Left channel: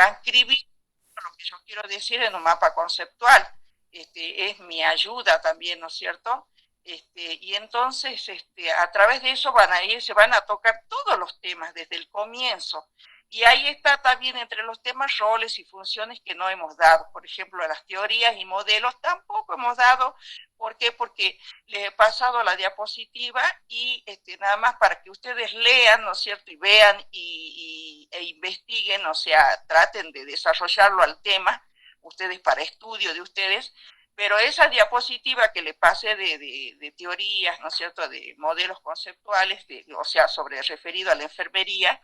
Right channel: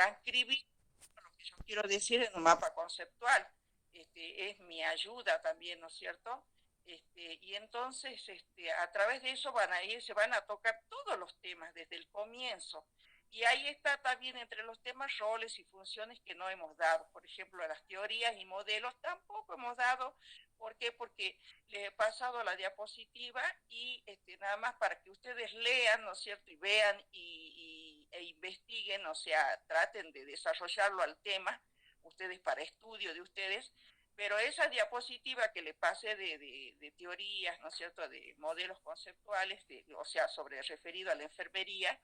transcribir lo que yo quiero decir en un mapa conceptual. Es mi ayuda también, ¿no es cierto? Y entonces a través de eso van a ir, se van a tocar todos los temas desde el comienzo. Y ahí está también entre los temas roles y funciones que no hemos dado. Por ejemplo, las teorías y modelos tampoco hemos dado. ¿Por qué? Porque les he pasado la diapositiva y nada más para que ustedes lean, ¿no es cierto? Y vean e investiguen, o sea, traten de desarrollarlo al tema, ustedes para estudio de ustedes, pero esa diapositiva que le pasé de teorías, ¿no es cierto?, de modelos conceptuales, o sea, sobre referido a la enfermería,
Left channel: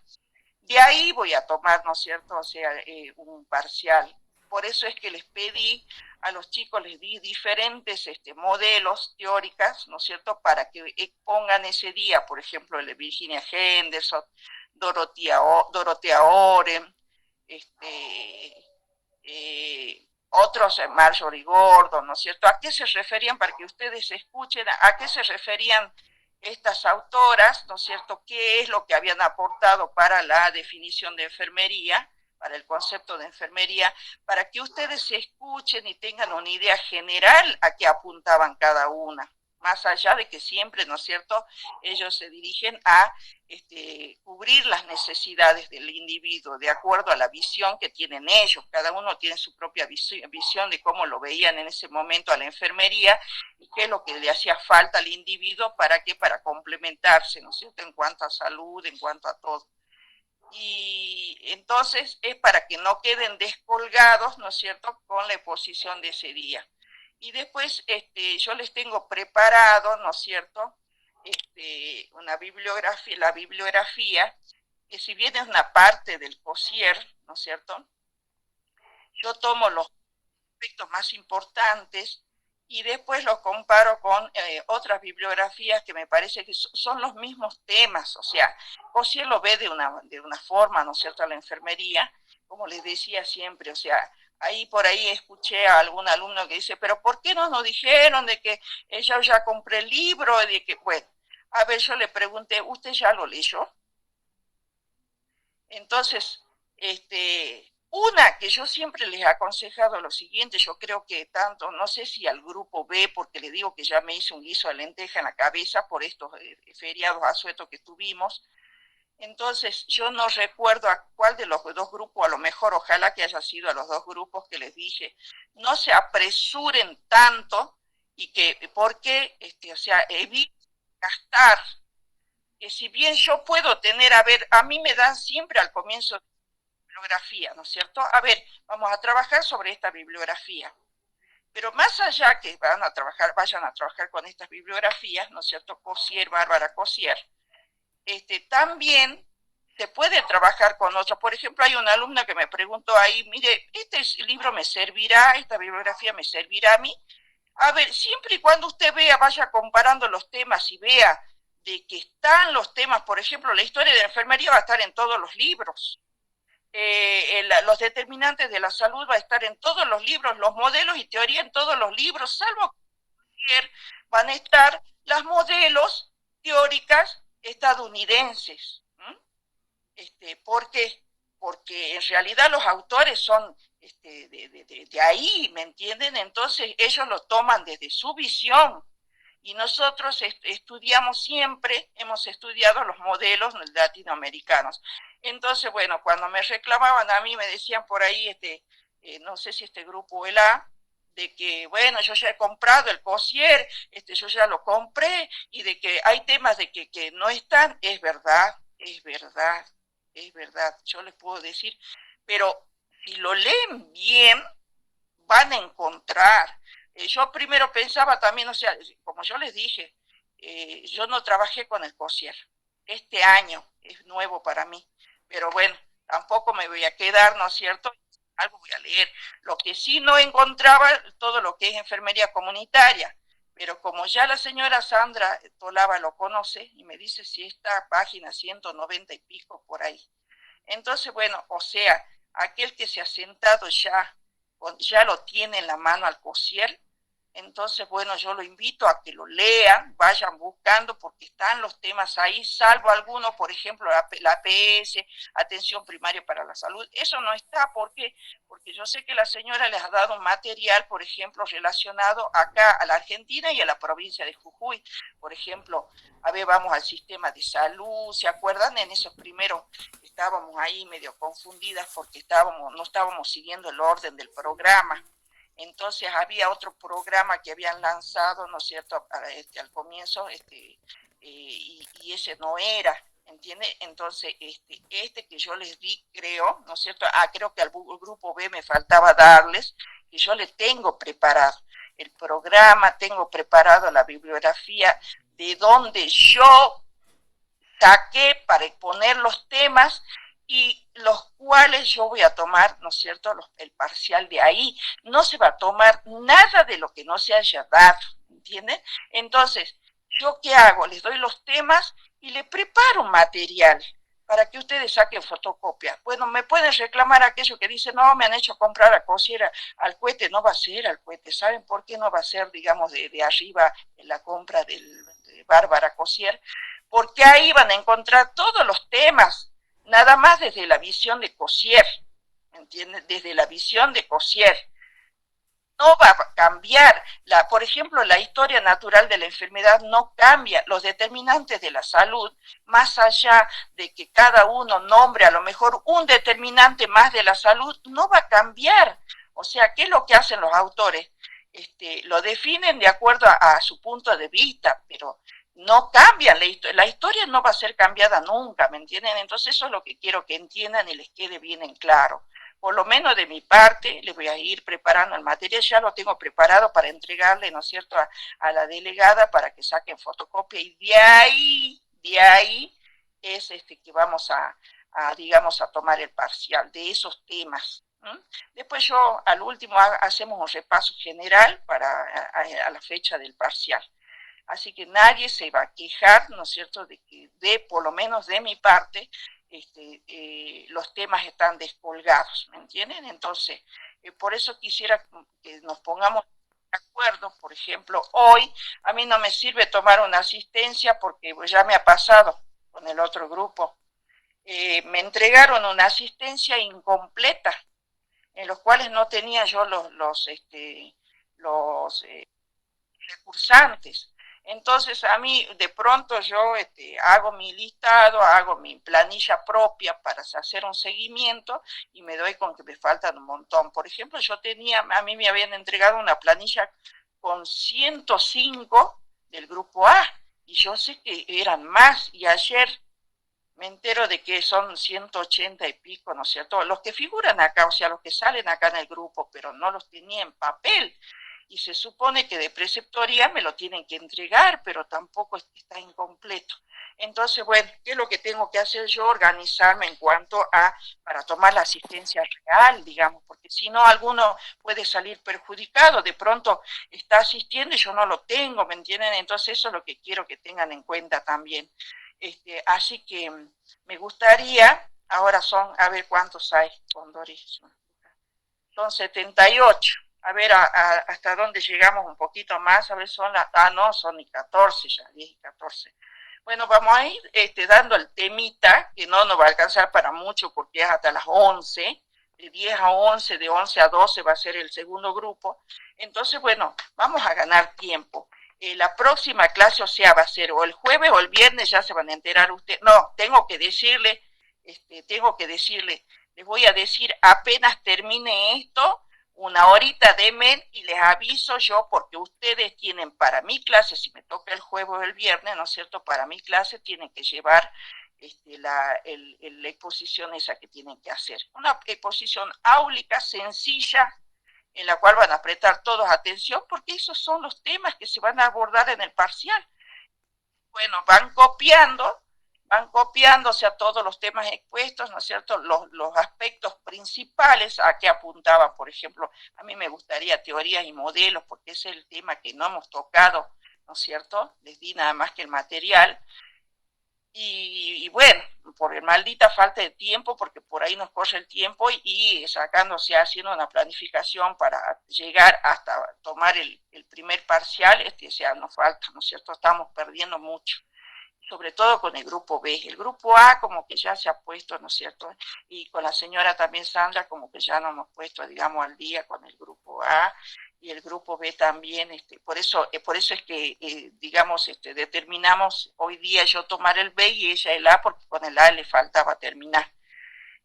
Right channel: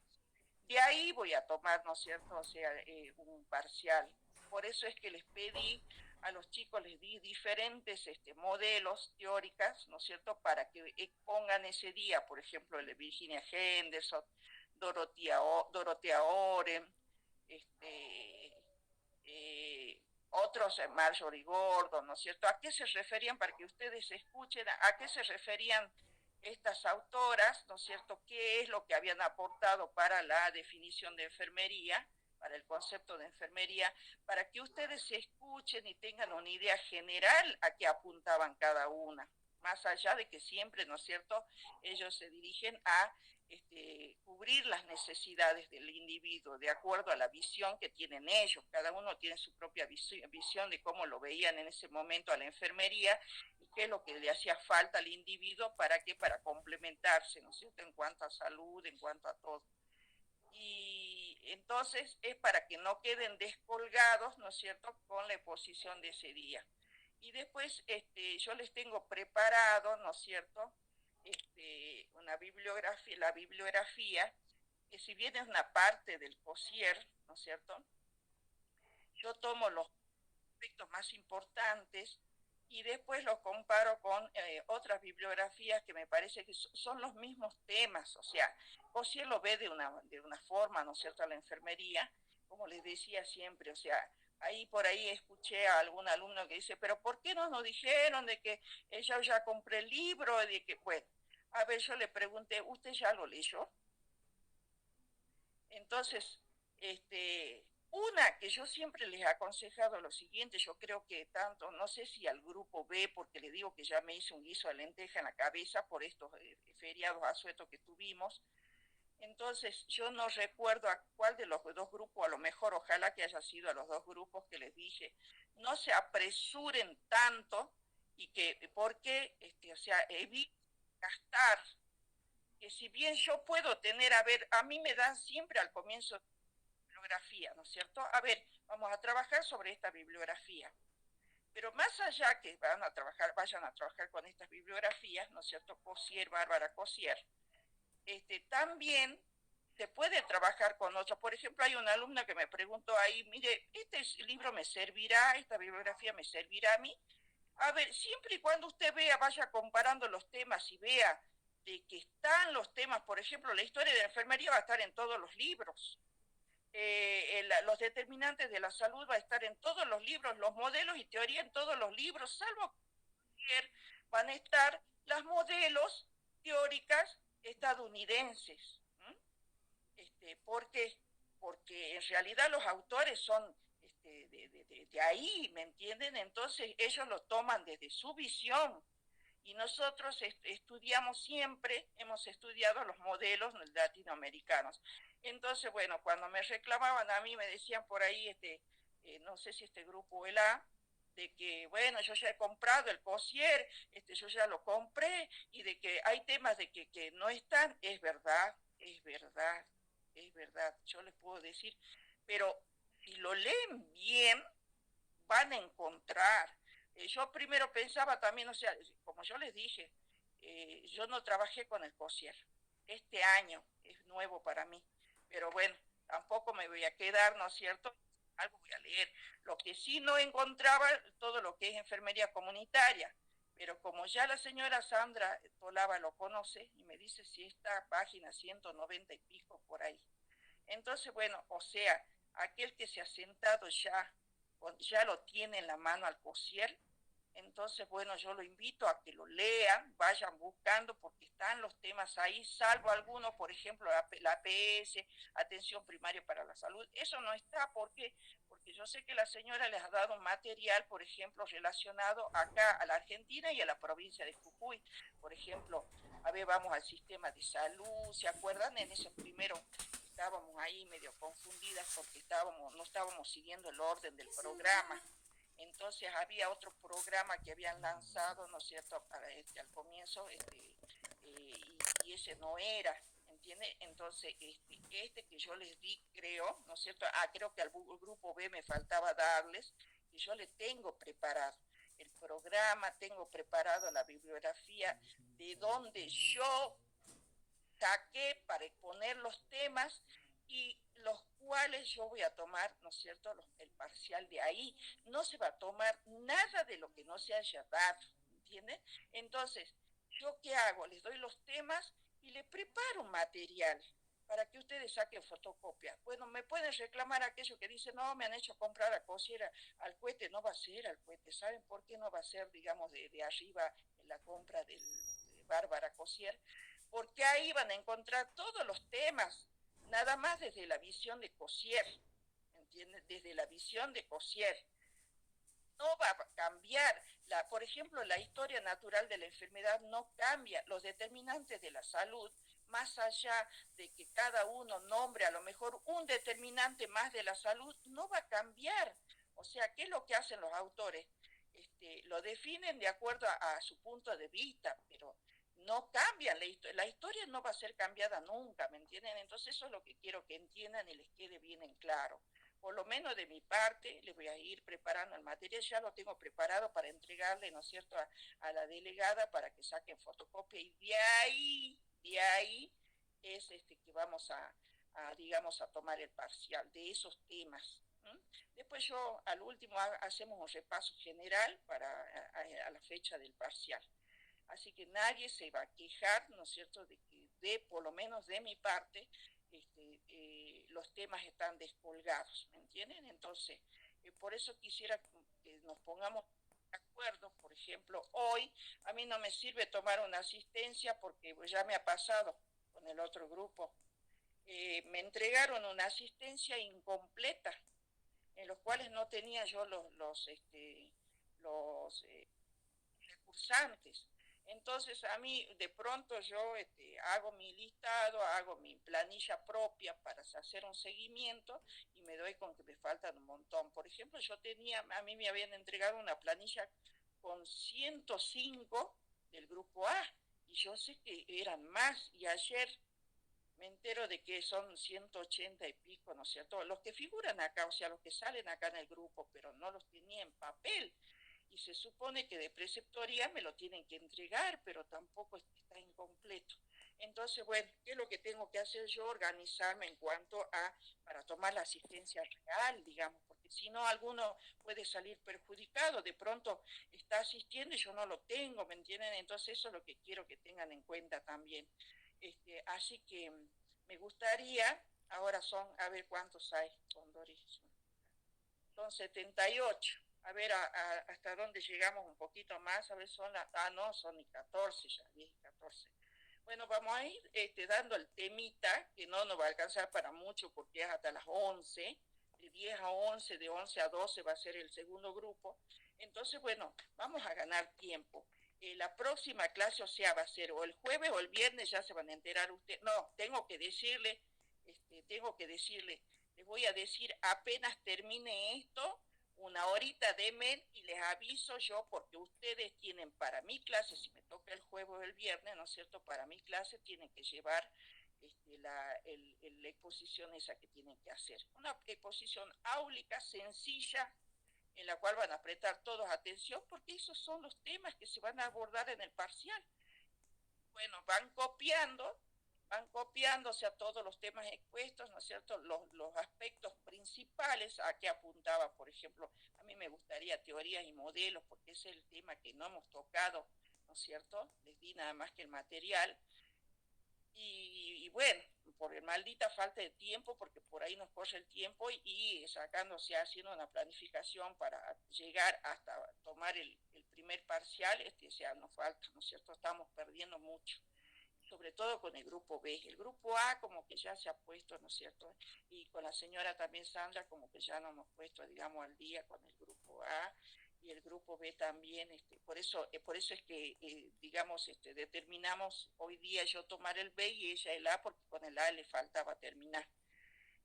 de ahí voy a tomar, ¿no es cierto?, o sea, un parcial. Por eso es que les pedí a los chicos, les di diferentes modelos teóricas, ¿no es cierto?, para que pongan ese día, por ejemplo, el de Virginia Henderson, Dorothea Oren, otros, Marjorie Gordon, ¿no es cierto? ¿A qué se referían para que ustedes escuchen? ¿A qué se referían estas autoras, ¿no es cierto? ¿Qué es lo que habían aportado para la definición de enfermería, para el concepto de enfermería, para que ustedes escuchen y tengan una idea general a qué apuntaban cada una? Más allá de que siempre, ¿no es cierto?, ellos se dirigen a cubrir las necesidades del individuo de acuerdo a la visión que tienen ellos. Cada uno tiene su propia visión de cómo lo veían en ese momento a la enfermería y qué es lo que le hacía falta al individuo para qué, para complementarse, ¿no es cierto?, en cuanto a salud, en cuanto a todo. Y entonces es para que no queden descolgados, ¿no es cierto?, con la exposición de ese día. Y después yo les tengo preparado, ¿no es cierto?, una bibliografía, la bibliografía, que si bien es una parte del COSIER, ¿no es cierto?, yo tomo los aspectos más importantes y después los comparo con otras bibliografías que me parece que son los mismos temas. O sea, COSIER lo ve de una forma, ¿no es cierto?, a la enfermería, como les decía siempre, o sea, ahí por ahí escuché a algún alumno que dice, pero ¿por qué no nos dijeron de que yo ya compré el libro? De que, bueno, a ver, yo le pregunté, ¿usted ya lo leyó? Entonces, una que yo siempre les he aconsejado lo siguiente, yo creo que tanto, no sé si al grupo B, porque le digo que ya me hice un guiso de lenteja en la cabeza por estos feriados asuetos que tuvimos, entonces yo no recuerdo a cuál de los dos grupos, a lo mejor ojalá que haya sido a los dos grupos que les dije, no se apresuren tanto y que, porque, o sea, eviten gastar, que si bien yo puedo tener, a ver, a mí me dan siempre al comienzo bibliografía, ¿no es cierto? A ver, vamos a trabajar sobre esta bibliografía. Pero más allá que vayan a trabajar con estas bibliografías, ¿no es cierto? COSIER, Bárbara COSIER, también se puede trabajar con otros. Por ejemplo, hay una alumna que me preguntó ahí, mire, ¿este libro me servirá, esta bibliografía me servirá a mí? A ver, siempre y cuando usted vea, vaya comparando los temas y vea de que están los temas, por ejemplo, la historia de la enfermería va a estar en todos los libros. Los determinantes de la salud va a estar en todos los libros, los modelos y teoría en todos los libros, salvo que van a estar las modelos teóricas estadounidenses. ¿Por qué? Porque en realidad los autores son de ahí, ¿me entienden? Entonces ellos lo toman desde su visión y nosotros estudiamos siempre, hemos estudiado los modelos latinoamericanos. Entonces, bueno, cuando me reclamaban a mí, me decían por ahí, no sé si este grupo el A, de que, bueno, yo ya he comprado el COSIER, yo ya lo compré, y de que hay temas de que no están, es verdad, es verdad, es verdad, yo les puedo decir, pero si lo leen bien, van a encontrar. Yo primero pensaba también, o sea, como yo les dije, yo no trabajé con el COSIER. Este año es nuevo para mí, pero bueno, tampoco me voy a quedar, ¿no es cierto? Algo voy a leer. Lo que sí no encontraba, todo lo que es enfermería comunitaria, pero como ya la señora Sandra Tolaba lo conoce y me dice si está página 190 y pico por ahí. Entonces, bueno, o sea, aquel que se ha sentado ya lo tiene en la mano al COSIER, Entonces, bueno, yo lo invito a que lo lean, vayan buscando, porque están los temas ahí, salvo algunos, por ejemplo, la APS, atención primaria para la salud. Eso no está, ¿por qué? Porque yo sé que la señora les ha dado material, por ejemplo, relacionado acá a la Argentina y a la provincia de Jujuy. Por ejemplo, a ver, vamos al sistema de salud, ¿se acuerdan? En esos primeros estábamos ahí medio confundidas porque no estábamos siguiendo el orden del programa. Entonces había otro programa que habían lanzado, ¿no es cierto?, al comienzo, y ese no era, ¿entiende? Entonces, que yo les di, creo, ¿no es cierto? Creo que al grupo B me faltaba darles, que yo les tengo preparado el programa, tengo preparado la bibliografía de donde yo saqué para exponer los temas y los cuales yo voy a tomar, ¿no es cierto?, el parcial de ahí. No se va a tomar nada de lo que no se haya dado, ¿entienden? Entonces, ¿yo qué hago? Les doy los temas y les preparo material para que ustedes saquen fotocopia. Bueno, me pueden reclamar aquello que dicen, no, me han hecho comprar a Cosiera, al cohete, no va a ser al cohete. ¿Saben por qué no va a ser, digamos, de arriba en la compra de Bárbara Cosier? Porque ahí van a encontrar todos los temas, nada más desde la visión de Cosier, ¿entiendes? Desde la visión de Cosier. No va a cambiar, por ejemplo, la historia natural de la enfermedad no cambia, los determinantes de la salud, más allá de que cada uno nombre a lo mejor un determinante más de la salud, no va a cambiar. O sea, ¿qué es lo que hacen los autores? Lo definen de acuerdo a su punto de vista, pero no cambian la historia no va a ser cambiada nunca, ¿me entienden? Entonces eso es lo que quiero que entiendan y les quede bien en claro. Por lo menos de mi parte, les voy a ir preparando el material, ya lo tengo preparado para entregarle, ¿no es cierto?, a la delegada para que saquen fotocopia y de ahí es que vamos digamos, a tomar el parcial de esos temas. Después yo al último hacemos un repaso general a la fecha del parcial. Así que nadie se va a quejar, ¿no es cierto?, de que por lo menos de mi parte, los temas están descolgados, ¿me entienden? Entonces, por eso quisiera que nos pongamos de acuerdo. Por ejemplo, hoy a mí no me sirve tomar una asistencia porque pues, ya me ha pasado con el otro grupo. Me entregaron una asistencia incompleta, en los cuales no tenía yo los recursantes. Entonces a mí de pronto yo hago mi listado, hago mi planilla propia para hacer un seguimiento y me doy con que me faltan un montón. Por ejemplo, a mí me habían entregado una planilla con 105 del grupo A y yo sé que eran más y ayer me entero de que son 180 y pico, ¿no es cierto? Los que figuran acá, o sea, los que salen acá en el grupo, pero no los tenía en papel. Y se supone que de preceptoría me lo tienen que entregar, pero tampoco está incompleto. Entonces, bueno, ¿qué es lo que tengo que hacer yo? Organizarme en cuanto para tomar la asistencia real, digamos, porque si no, alguno puede salir perjudicado, de pronto está asistiendo y yo no lo tengo, ¿me entienden? Entonces eso es lo que quiero que tengan en cuenta también. Así que me gustaría, ahora son, a ver cuántos hay, Doris, son 78. A ver hasta dónde llegamos un poquito más, a ver, no, son ni 14 ya, 10 y 14. Bueno, vamos a ir dando el temita, que no nos va a alcanzar para mucho porque es hasta las 11, de 10 a 11, de 11 a 12 va a ser el segundo grupo. Entonces, bueno, vamos a ganar tiempo. La próxima clase, o sea, va a ser o el jueves o el viernes, ya se van a enterar ustedes. No, tengo que decirle, les voy a decir apenas termine esto, una horita denme y les aviso yo, porque ustedes tienen para mi clase, si me toca el jueves o el viernes, ¿no es cierto?, para mi clase tienen que llevar la exposición esa que tienen que hacer. Una exposición áulica, sencilla, en la cual van a prestar todos atención, porque esos son los temas que se van a abordar en el parcial. Bueno, van copiándose a todos los temas expuestos, ¿no es cierto?, los aspectos principales a que apuntaba. Por ejemplo, a mí me gustaría teorías y modelos, porque ese es el tema que no hemos tocado, ¿no es cierto?, les di nada más que el material. y bueno, por maldita falta de tiempo, porque por ahí nos corre el tiempo y sacándose, haciendo una planificación para llegar hasta tomar el primer parcial, o sea, nos falta, ¿no es cierto? Estamos perdiendo mucho, sobre todo con el grupo B. El grupo A como que ya se ha puesto, ¿no es cierto? Y con la señora también Sandra como que ya nos hemos puesto, digamos, al día con el grupo A y el grupo B también. Por eso es que, digamos, determinamos hoy día yo tomar el B y ella el A, porque con el A le faltaba terminar.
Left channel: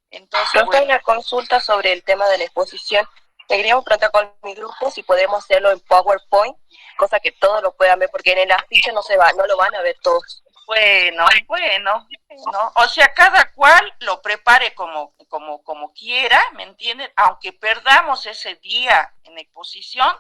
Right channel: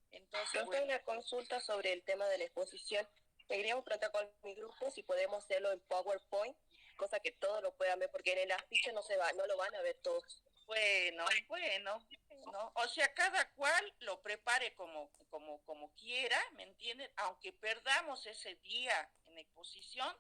Entonces, Profe, bueno. una consulta sobre el tema de la exposición. Le queríamos preguntar con mi grupo si podemos hacerlo en PowerPoint, cosa que todos lo puedan ver, porque en el afiche no lo van a ver todos. Bueno, ¿no? O sea, cada cual lo prepare como quiera, ¿me entienden? Aunque perdamos ese día en exposición,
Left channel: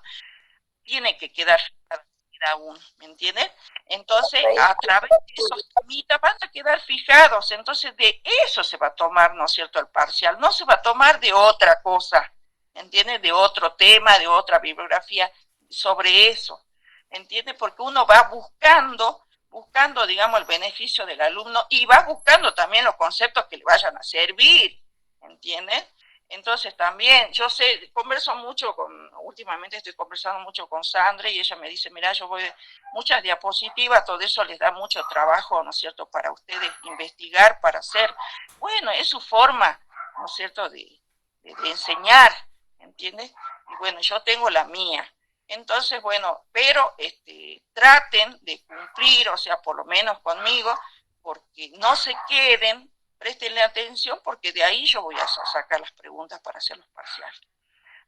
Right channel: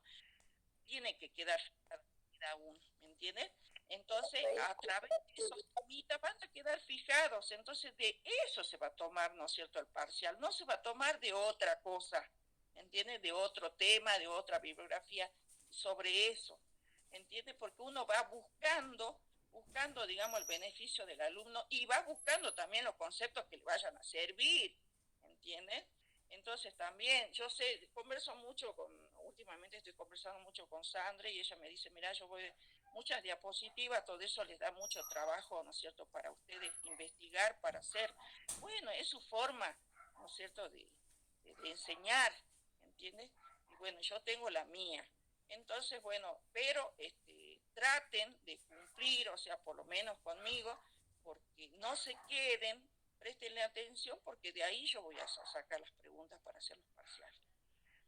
tiene que quedar cada uno, ¿me entienden? Entonces, a través de esos temitas van a quedar fijados, entonces de eso se va a tomar, ¿no es cierto?, el parcial, no se va a tomar de otra cosa, ¿me entiendes? De otro tema, de otra bibliografía, sobre eso, ¿me entiendes? Porque uno va buscando, digamos, el beneficio del alumno y va buscando también los conceptos que le vayan a servir, ¿entiendes? Entonces también, yo sé, últimamente estoy conversando mucho con Sandra y ella me dice, mira, yo voy, muchas diapositivas, todo eso les da mucho trabajo, ¿no es cierto?, para ustedes investigar, para hacer. Bueno, es su forma, ¿no es cierto?, de enseñar, ¿entiendes? Y bueno, yo tengo la mía. Entonces, bueno, pero traten de cumplir, o sea, por lo menos conmigo, porque no se queden, préstenle atención, porque de ahí yo voy a sacar las preguntas para hacer los parciales.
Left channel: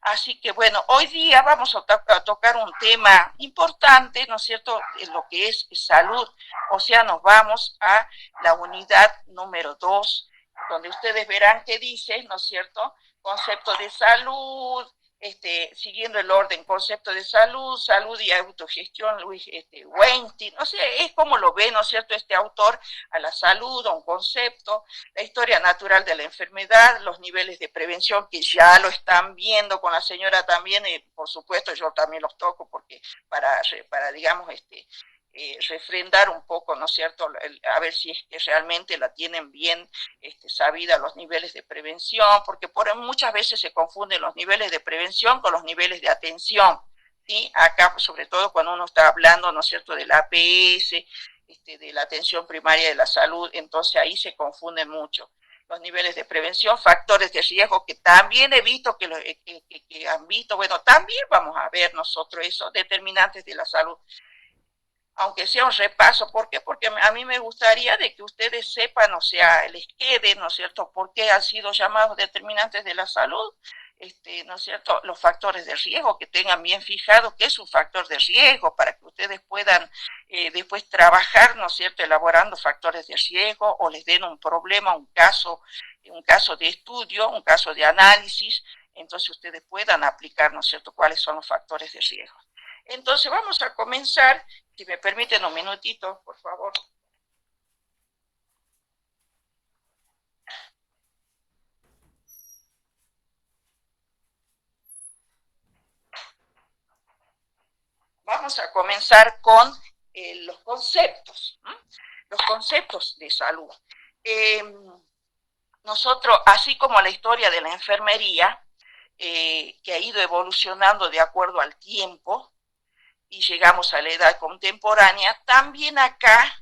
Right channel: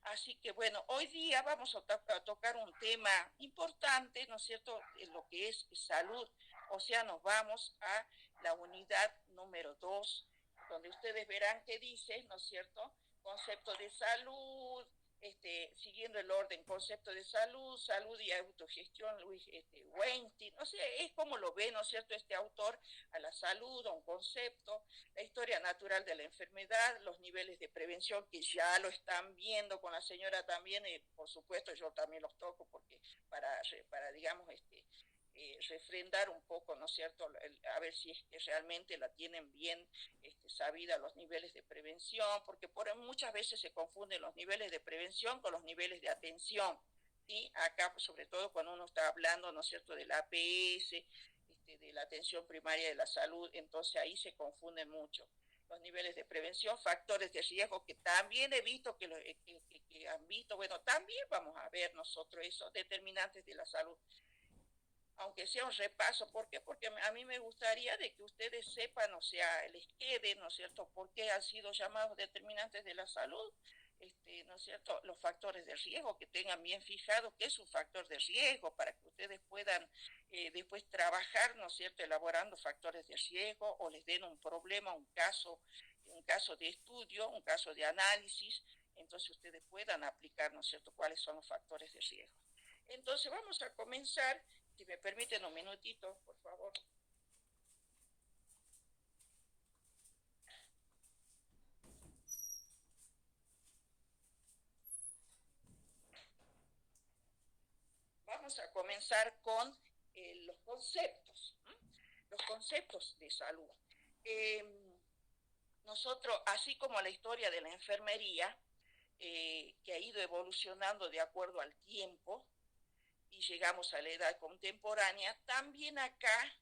Así que bueno, hoy día vamos a tocar un tema importante, ¿no es cierto?, en lo que es salud. O sea, nos vamos a la unidad número 2, donde ustedes verán que dice, ¿no es cierto?, concepto de salud, siguiendo el orden, concepto de salud, salud y autogestión, Luis Weinstein, no sé, es como lo ve, ¿no es cierto?, este autor a la salud, a un concepto, la historia natural de la enfermedad, los niveles de prevención que ya lo están viendo con la señora también, y por supuesto yo también los toco porque para digamos, refrendar un poco, ¿no es cierto?, a ver si es que realmente la tienen bien sabida los niveles de prevención, porque muchas veces se confunden los niveles de prevención con los niveles de atención, ¿sí? Acá, sobre todo cuando uno está hablando, ¿no es cierto?, del APS, de la atención primaria de la salud, entonces ahí se confunden mucho los niveles de prevención, factores de riesgo que también he visto que han visto, bueno, también vamos a ver nosotros eso, determinantes de la salud, aunque sea un repaso. ¿Por qué? Porque a mí me gustaría de que ustedes sepan, o sea, les quede, ¿no es cierto?, por qué han sido llamados determinantes de la salud, ¿no es cierto?, los factores de riesgo, que tengan bien fijado qué es un factor de riesgo, para que ustedes puedan después trabajar, ¿no es cierto?, elaborando factores de riesgo, o les den un problema, un caso de estudio, un caso de análisis, entonces ustedes puedan aplicar, ¿no es cierto?, cuáles son los factores de riesgo. Entonces vamos a comenzar, si me permiten un minutito, por favor. Vamos a comenzar con los conceptos, ¿no?, los conceptos de salud. Nosotros, así como la historia de la enfermería, que ha ido evolucionando de acuerdo al tiempo, y llegamos a la edad contemporánea, también acá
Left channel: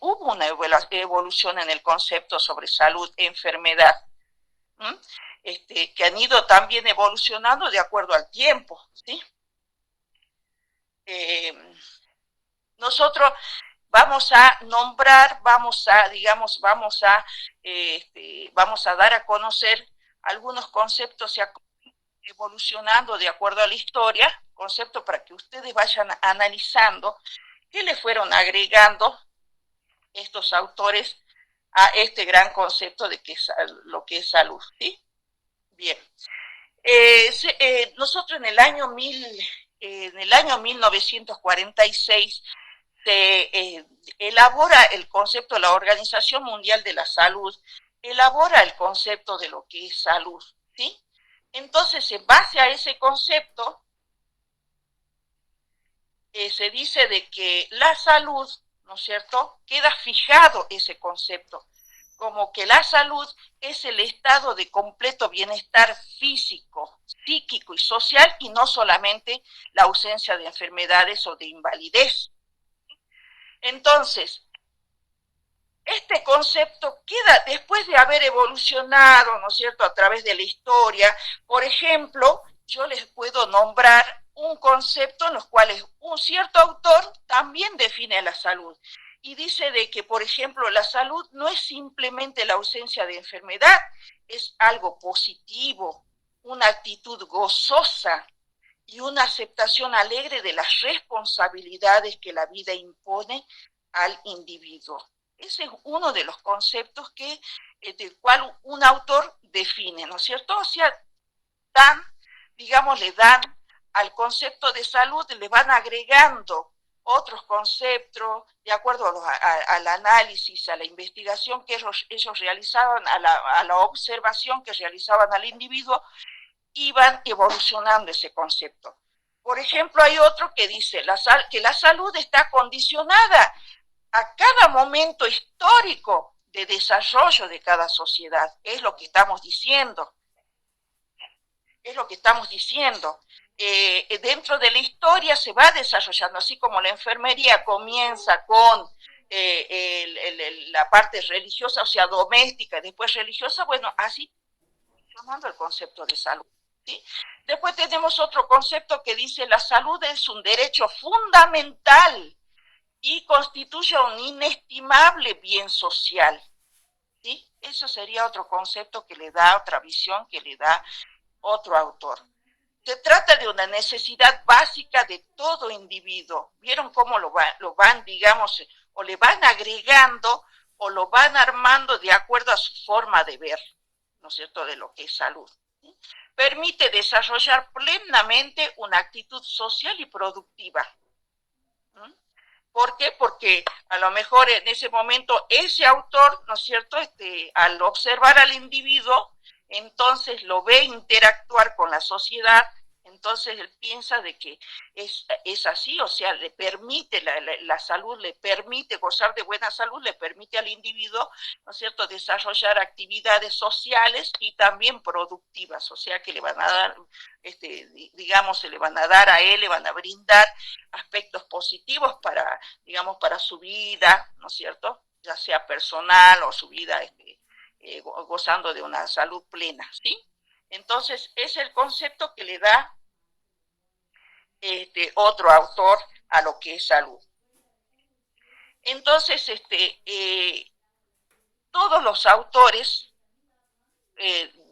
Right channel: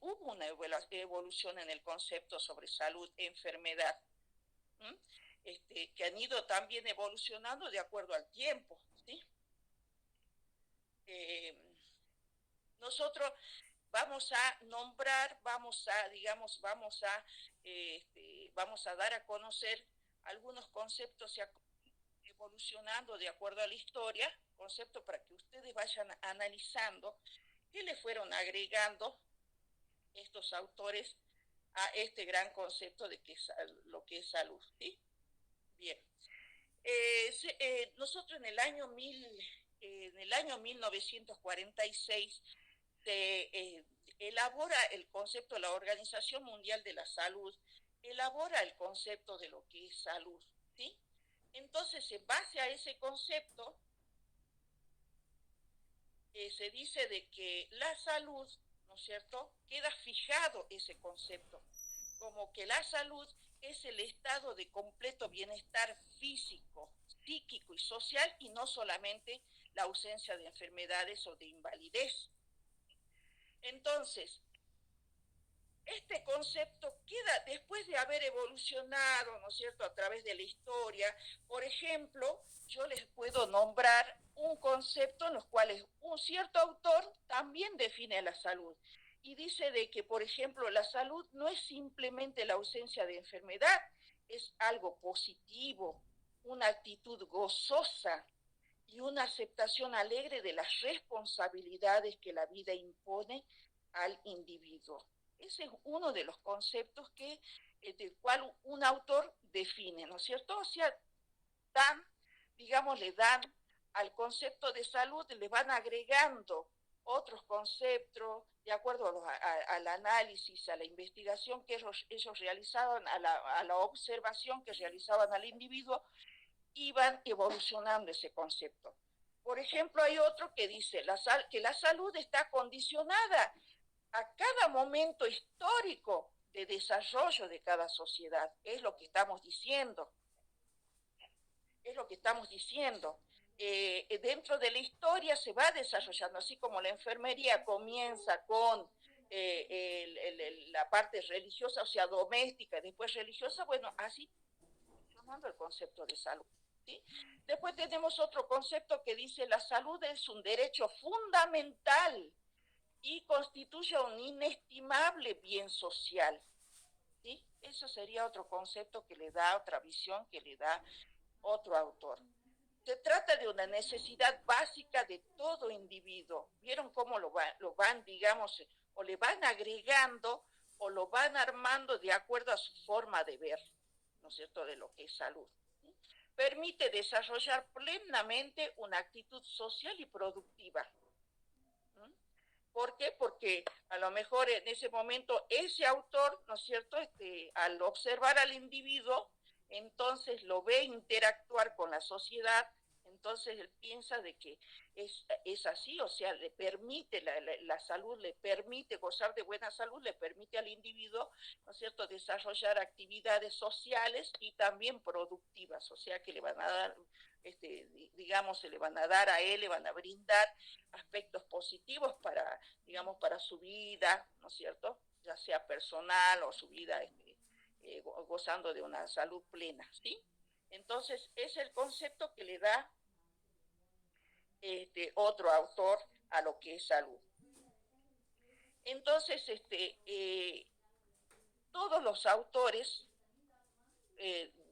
hubo una evolución en el concepto sobre salud, enfermedad, que han ido también evolucionando de acuerdo al tiempo, ¿sí? Nosotros vamos a nombrar, digamos, vamos a dar a conocer algunos conceptos evolucionando de acuerdo a la historia, conceptos para que ustedes vayan analizando qué le fueron agregando estos autores a este gran concepto de lo que es salud, ¿sí? Bien. Nosotros en el año 1946 se elabora el concepto, la Organización Mundial de la Salud elabora el concepto de lo que es salud, ¿sí? Entonces, en base a ese concepto, se dice de que la salud ¿no es cierto? Queda fijado ese concepto, como que la salud es el estado de completo bienestar físico, psíquico y social, y no solamente la ausencia de enfermedades o de invalidez. Entonces, este concepto queda después de haber evolucionado, ¿no es cierto?, a través de la historia. Por ejemplo, yo les puedo nombrar un concepto en los cuales un cierto autor también define la salud y dice de que, por ejemplo, la salud no es simplemente la ausencia de enfermedad, es algo positivo, una actitud gozosa y una aceptación alegre de las responsabilidades que la vida impone al individuo. Ese es uno de los conceptos que, del cual un autor define, ¿no es cierto? O sea, le dan al concepto de salud, le van agregando otros conceptos de acuerdo al análisis, a la investigación que ellos realizaban, a la observación que realizaban al individuo, iban evolucionando ese concepto. Por ejemplo, hay otro que dice que la salud está condicionada a cada momento histórico de desarrollo de cada sociedad. Es lo que estamos diciendo. Es lo que estamos diciendo. Dentro de la historia se va desarrollando, así como la enfermería comienza con la parte religiosa, o sea, doméstica, y después religiosa, bueno, así funcionando el concepto de salud. ¿Sí? Después tenemos otro concepto que dice la salud es un derecho fundamental y constituye un inestimable bien social. ¿Sí? Eso sería otro concepto que le da, otra visión que le da otro autor. Se trata de una necesidad básica de todo individuo. ¿Vieron cómo lo van, digamos, o le van agregando o lo van armando de acuerdo a su forma de ver, ¿no es cierto?, de lo que es salud. ¿Sí? Permite desarrollar plenamente una actitud social y productiva. ¿Por qué? Porque a lo mejor en ese momento ese autor, ¿no es cierto?, al observar al individuo, entonces lo ve interactuar con la sociedad, entonces él piensa de que es así, o sea, le permite la salud, le permite gozar de buena salud, le permite al individuo, ¿no es cierto?, desarrollar actividades sociales y también productivas, o sea, que le van a dar, digamos, se le van a dar a él, le van a brindar aspectos positivos para, digamos, para su vida, ¿no es cierto?, ya sea personal o su vida gozando de una salud plena, ¿sí? Entonces, es el concepto que le da otro autor a lo que es salud. Entonces, todos los autores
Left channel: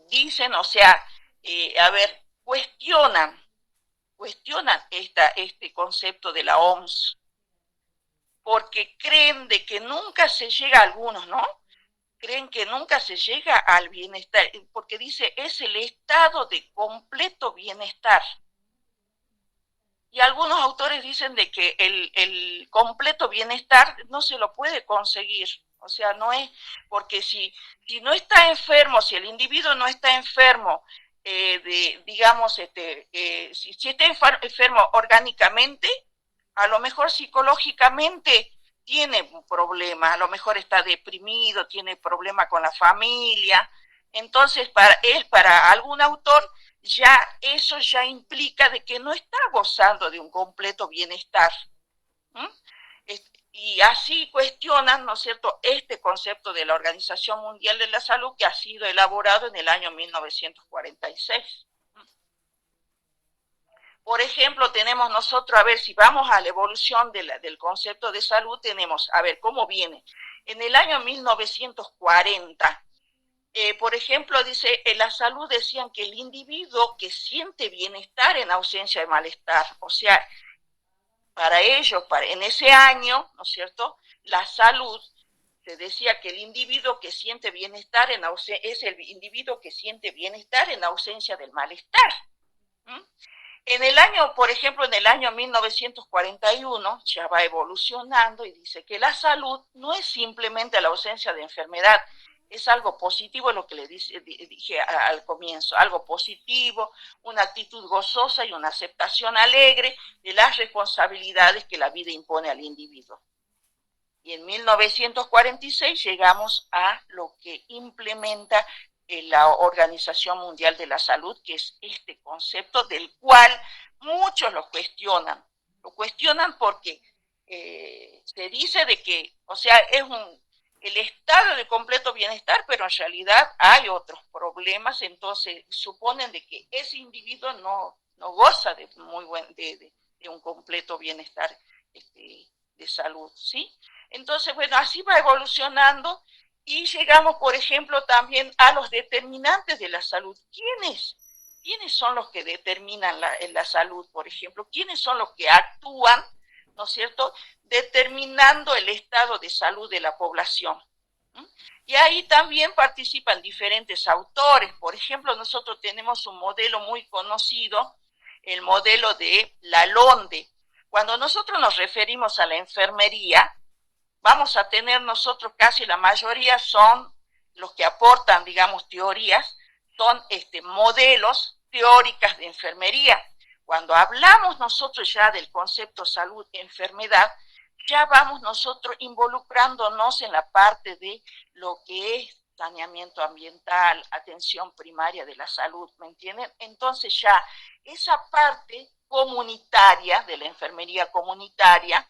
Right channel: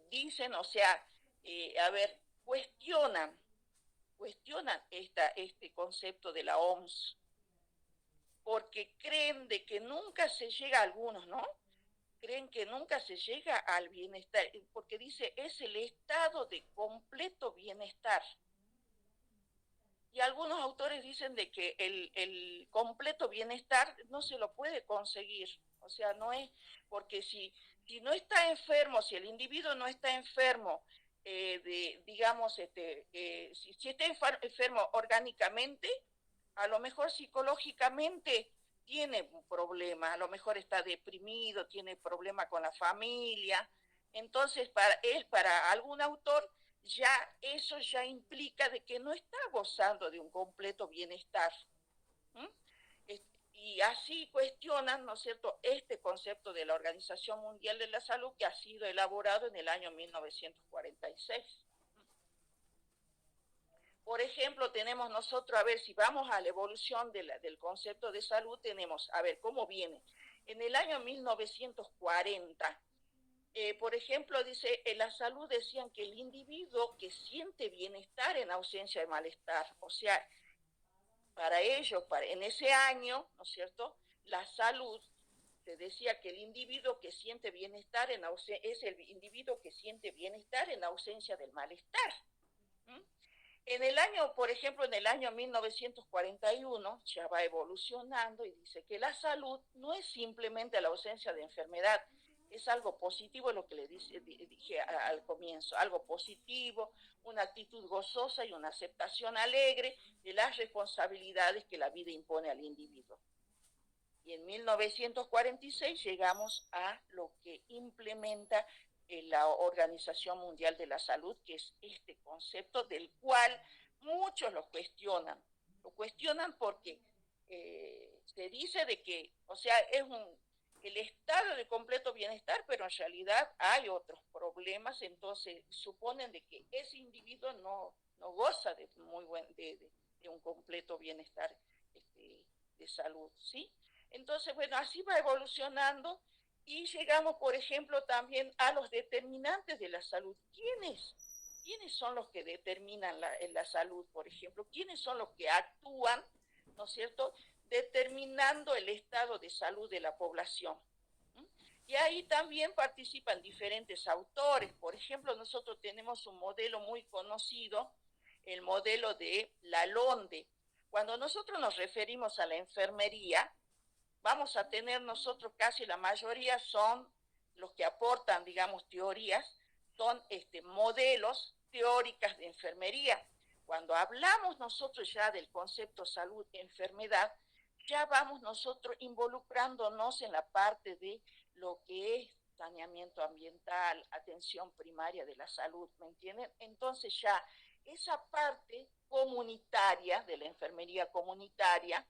dicen, o sea, cuestionan este concepto de la OMS, porque creen de que nunca se llega a algunos, ¿no? Creen que nunca se llega al bienestar, porque dice, es el estado de completo bienestar. Y algunos autores dicen de que el completo bienestar no se lo puede conseguir. O sea, no es, porque si no está enfermo, si el individuo no está enfermo, si está enfermo orgánicamente, a lo mejor psicológicamente tiene un problema, a lo mejor está deprimido, tiene problema con la familia. Entonces, para algún autor, ya eso ya implica de que no está gozando de un completo bienestar. Y así cuestionan, ¿no es cierto?, este concepto de la Organización Mundial de la Salud que ha sido elaborado en el año 1946. Por ejemplo, tenemos nosotros, a ver, si vamos a la evolución del concepto de salud, tenemos, a ver, ¿cómo viene? En el año 1940, por ejemplo, dice, en la salud decían que el individuo que siente bienestar en ausencia de malestar, o sea, para ellos, en ese año, ¿no es cierto?, la salud, se decía que el individuo que siente bienestar es el individuo que siente bienestar en ausencia del malestar. En el año, por ejemplo, en el año 1941, ya va evolucionando y dice que la salud no es simplemente la ausencia de enfermedad, es algo positivo, lo que dije al comienzo, algo positivo, una actitud gozosa y una aceptación alegre de las responsabilidades que la vida impone al individuo. Y en 1946 llegamos a lo que implementa la Organización Mundial de la Salud, que es este concepto del cual muchos lo cuestionan. Lo cuestionan porque se dice de que, o sea, el estado de completo bienestar, pero en realidad hay otros problemas, entonces suponen de que ese individuo no goza de, de un completo bienestar de salud, ¿sí? Entonces, bueno, así va evolucionando y llegamos, por ejemplo, también a los determinantes de la salud. ¿Quiénes son los que determinan la salud, por ejemplo? ¿Quiénes son los que actúan, ¿no es cierto?, determinando el estado de salud de la población? Y ahí también participan diferentes autores. Por ejemplo, nosotros tenemos un modelo muy conocido, el modelo de Lalonde. Cuando nosotros nos referimos a la enfermería, vamos a tener nosotros casi la mayoría son los que aportan, digamos, teorías, son modelos teóricas de enfermería. Cuando hablamos nosotros ya del concepto salud-enfermedad, ya vamos nosotros involucrándonos en la parte de lo que es saneamiento ambiental, atención primaria de la salud, ¿me entienden? Entonces ya esa parte comunitaria, de la enfermería comunitaria,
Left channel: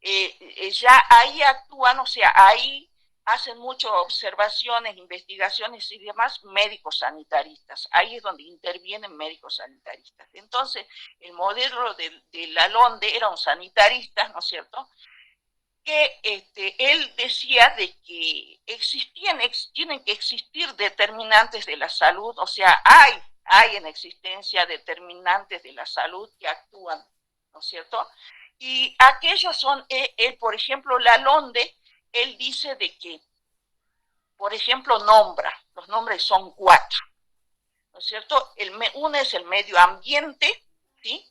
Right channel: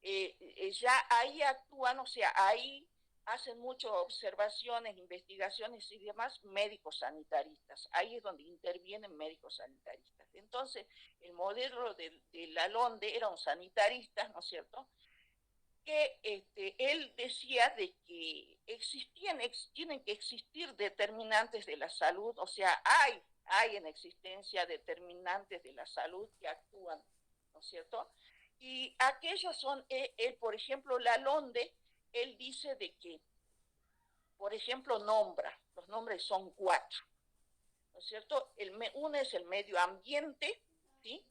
ya ahí actúan, o sea, ahí hacen muchas observaciones, investigaciones y demás médicos sanitaristas. Ahí es donde intervienen médicos sanitaristas. Entonces, el modelo de Lalonde era un sanitarista, ¿no es cierto?, que él decía de que tienen que existir determinantes de la salud, o sea, hay en existencia determinantes de la salud que actúan, ¿no es cierto? Y aquellos son, él, por ejemplo, Lalonde, él dice de que, por ejemplo, los nombres son 4, ¿no es cierto? Uno es el medio ambiente, ¿sí?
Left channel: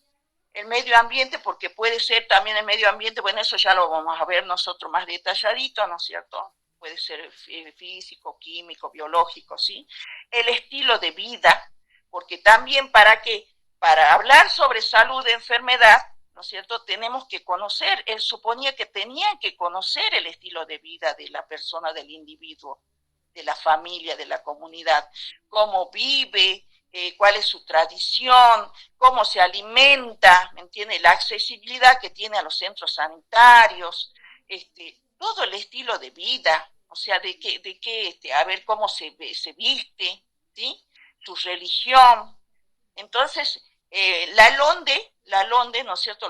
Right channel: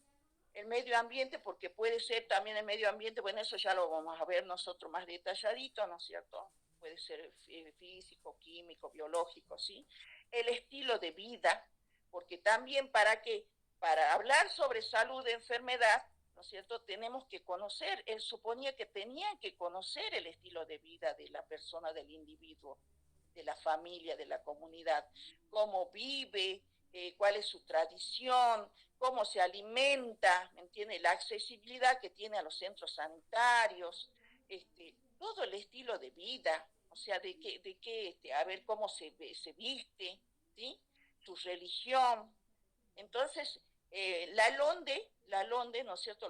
El medio ambiente, porque puede ser también el medio ambiente, bueno, eso ya lo vamos a ver nosotros más detalladito, ¿no es cierto? Puede ser físico, químico, biológico, ¿sí? El estilo de vida, porque también para hablar sobre salud de enfermedad, ¿no es cierto?, tenemos que conocer, él suponía que tenían que conocer el estilo de vida de la persona, del individuo, de la familia, de la comunidad, cómo vive, cuál es su tradición, cómo se alimenta, ¿me entiende? La accesibilidad que tiene a los centros sanitarios, todo el estilo de vida, o sea, a ver cómo se viste, ¿sí? Su religión. Entonces, Lalonde, ¿no es cierto?,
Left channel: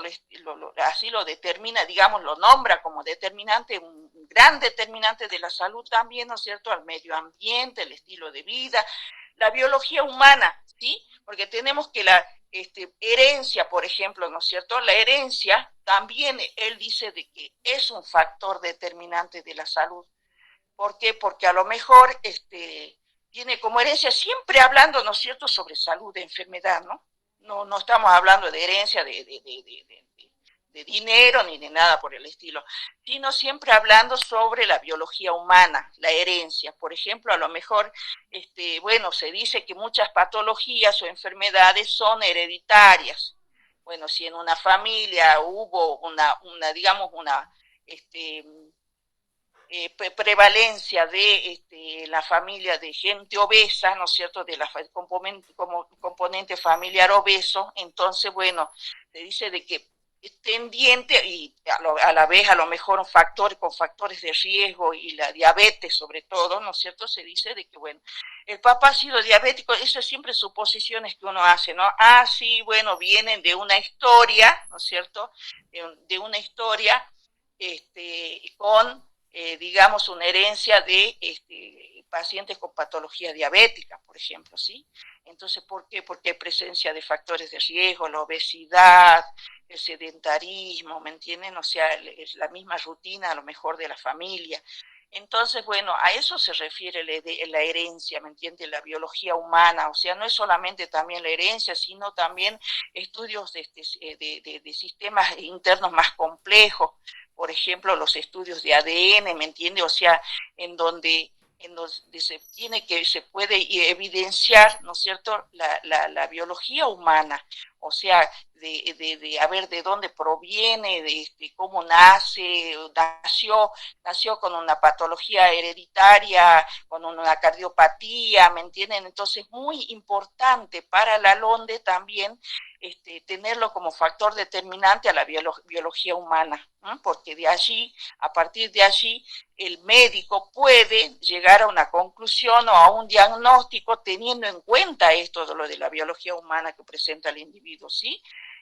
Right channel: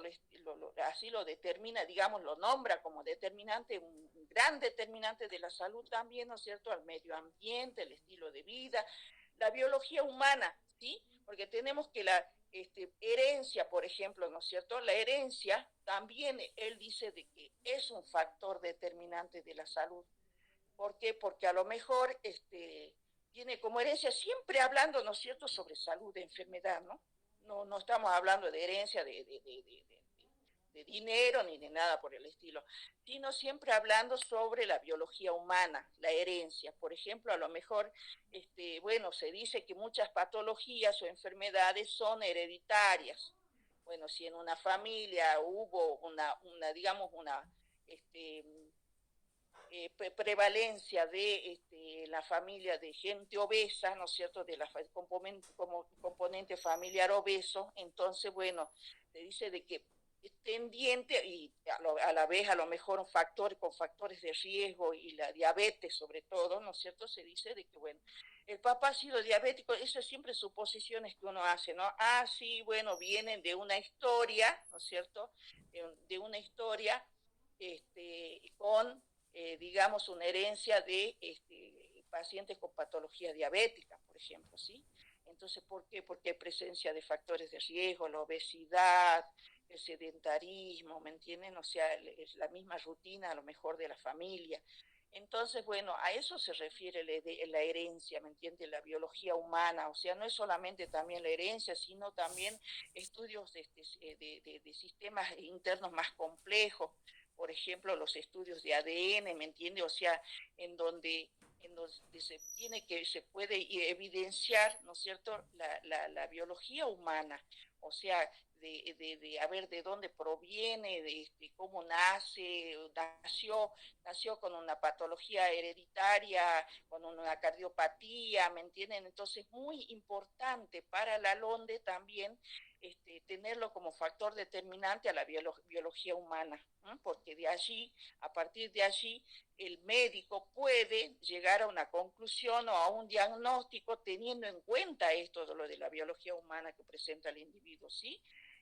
así lo determina, digamos, lo nombra como determinante, un gran determinante de la salud también, ¿no es cierto?, al medio ambiente, el estilo de vida, la biología humana, ¿sí? Porque tenemos que la herencia, por ejemplo, ¿no es cierto?, la herencia también, él dice de que es un factor determinante de la salud. ¿Por qué? Porque a lo mejor tiene como herencia, siempre hablando, ¿no es cierto?, sobre salud de enfermedad, ¿no? No estamos hablando de herencia de dinero ni de nada por el estilo, sino siempre hablando sobre la biología humana, la herencia. Por ejemplo, a lo mejor, bueno, se dice que muchas patologías o enfermedades son hereditarias. Bueno, si en una familia hubo digamos, este, prevalencia de la familia de gente obesa, ¿no es cierto?, de la componente familiar obeso, entonces, bueno, se dice de que es tendiente y a la vez a lo mejor un factor con factores de riesgo y la diabetes sobre todo, ¿no es cierto?, se dice de que, bueno, el papá ha sido diabético, eso es siempre suposiciones que uno hace, ¿no? Ah, sí, bueno, vienen de una historia, ¿no es cierto?, de una historia con digamos, una herencia de pacientes con patología diabética, por ejemplo, ¿sí? Entonces, ¿por qué? Porque hay presencia de factores de riesgo, la obesidad, el sedentarismo, ¿me entienden? O sea, es la misma rutina a lo mejor de la familia. Entonces, bueno, a eso se refiere la herencia, ¿me entiende? La biología humana, o sea, no es solamente también la herencia, sino también estudios de sistemas internos más complejos, por ejemplo, los estudios de ADN, ¿me entiende? O sea, en donde se puede evidenciar, ¿no es cierto?, la biología humana, o sea, a ver de dónde proviene, cómo nació con una patología hereditaria, con una cardiopatía, ¿me entienden? Entonces, muy importante para la LONDE también tenerlo como factor determinante a la biología humana, ¿no? Porque de allí, a partir de allí, el médico puede llegar a una conclusión o a un diagnóstico teniendo en cuenta esto de lo de la biología humana que presenta el individuo, ¿sí?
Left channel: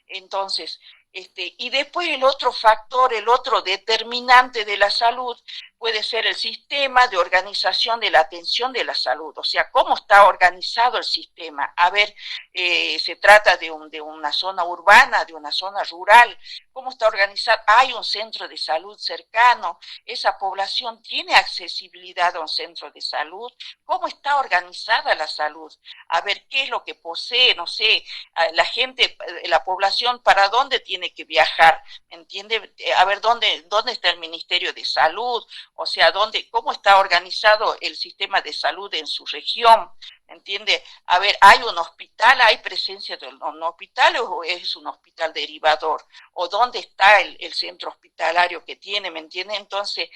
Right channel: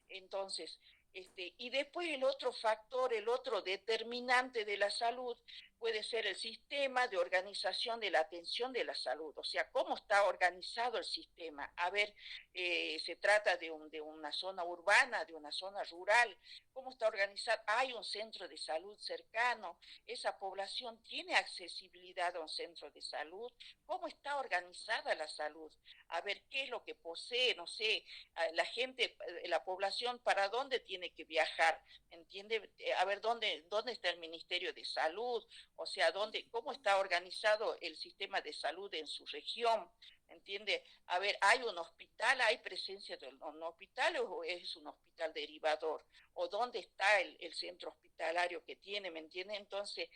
Entonces, y después el otro factor, el otro determinante de la salud puede ser el sistema de organización de la atención de la salud, o sea, cómo está organizado el sistema. A ver, se trata de una zona urbana, de una zona rural, cómo está organizado, hay un centro de salud cercano, esa población tiene accesibilidad a un centro de salud, cómo está organizada la salud, a ver qué es lo que posee, no sé, la gente, la población, para dónde tiene que viajar, ¿entiende? A ver dónde está el Ministerio de Salud, o sea, cómo está organizado el sistema de salud en su región, ¿entiende? A ver, ¿hay un hospital, hay presencia de un hospital o es un hospital derivador? ¿O dónde está el centro hospitalario que tiene, ¿me entiende? Entonces,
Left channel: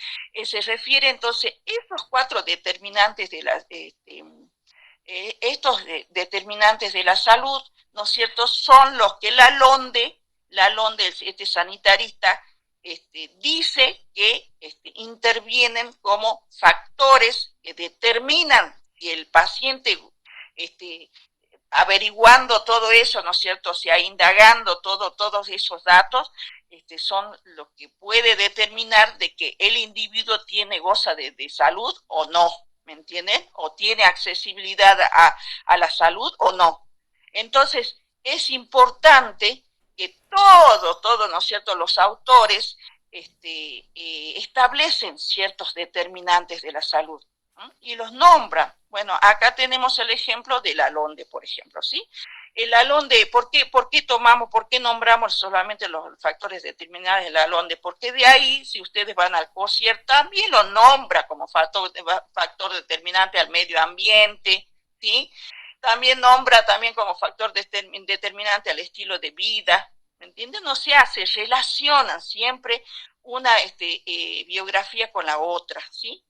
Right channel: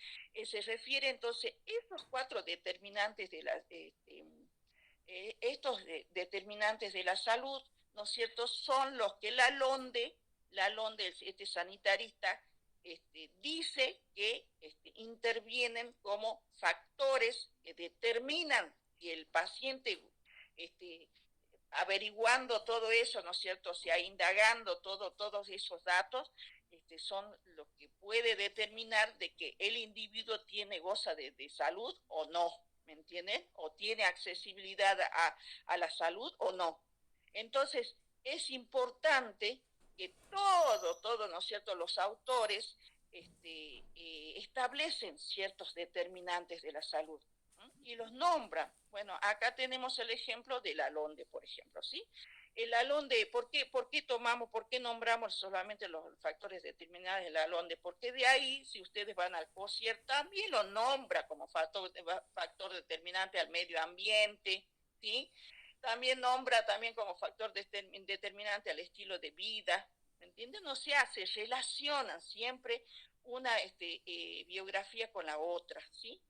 se refiere entonces, estos cuatro determinantes de la, estos determinantes de la salud, ¿no es cierto?, son los que la LONDE, este sanitarista, dice que intervienen como factores que determinan si el paciente, averiguando todo eso, ¿no es cierto?, o sea, indagando todos esos datos, son lo que puede determinar de que el individuo goza de salud o no, ¿me entienden? O tiene accesibilidad a la salud o no. Entonces, es importante que todo, ¿no es cierto?, los autores establecen ciertos determinantes de la salud, ¿no?, y los nombran. Bueno, acá tenemos el ejemplo de la LONDE, por ejemplo, ¿sí? El LONDE, ¿por qué nombramos solamente los factores determinantes de la LONDE? Porque de ahí, si ustedes van al COSIER, también lo nombra como factor determinante al medio ambiente, ¿sí? También nombra como factor determinante al estilo de vida, ¿me entienden? O sea, se relacionan siempre una biografía con la otra, ¿sí?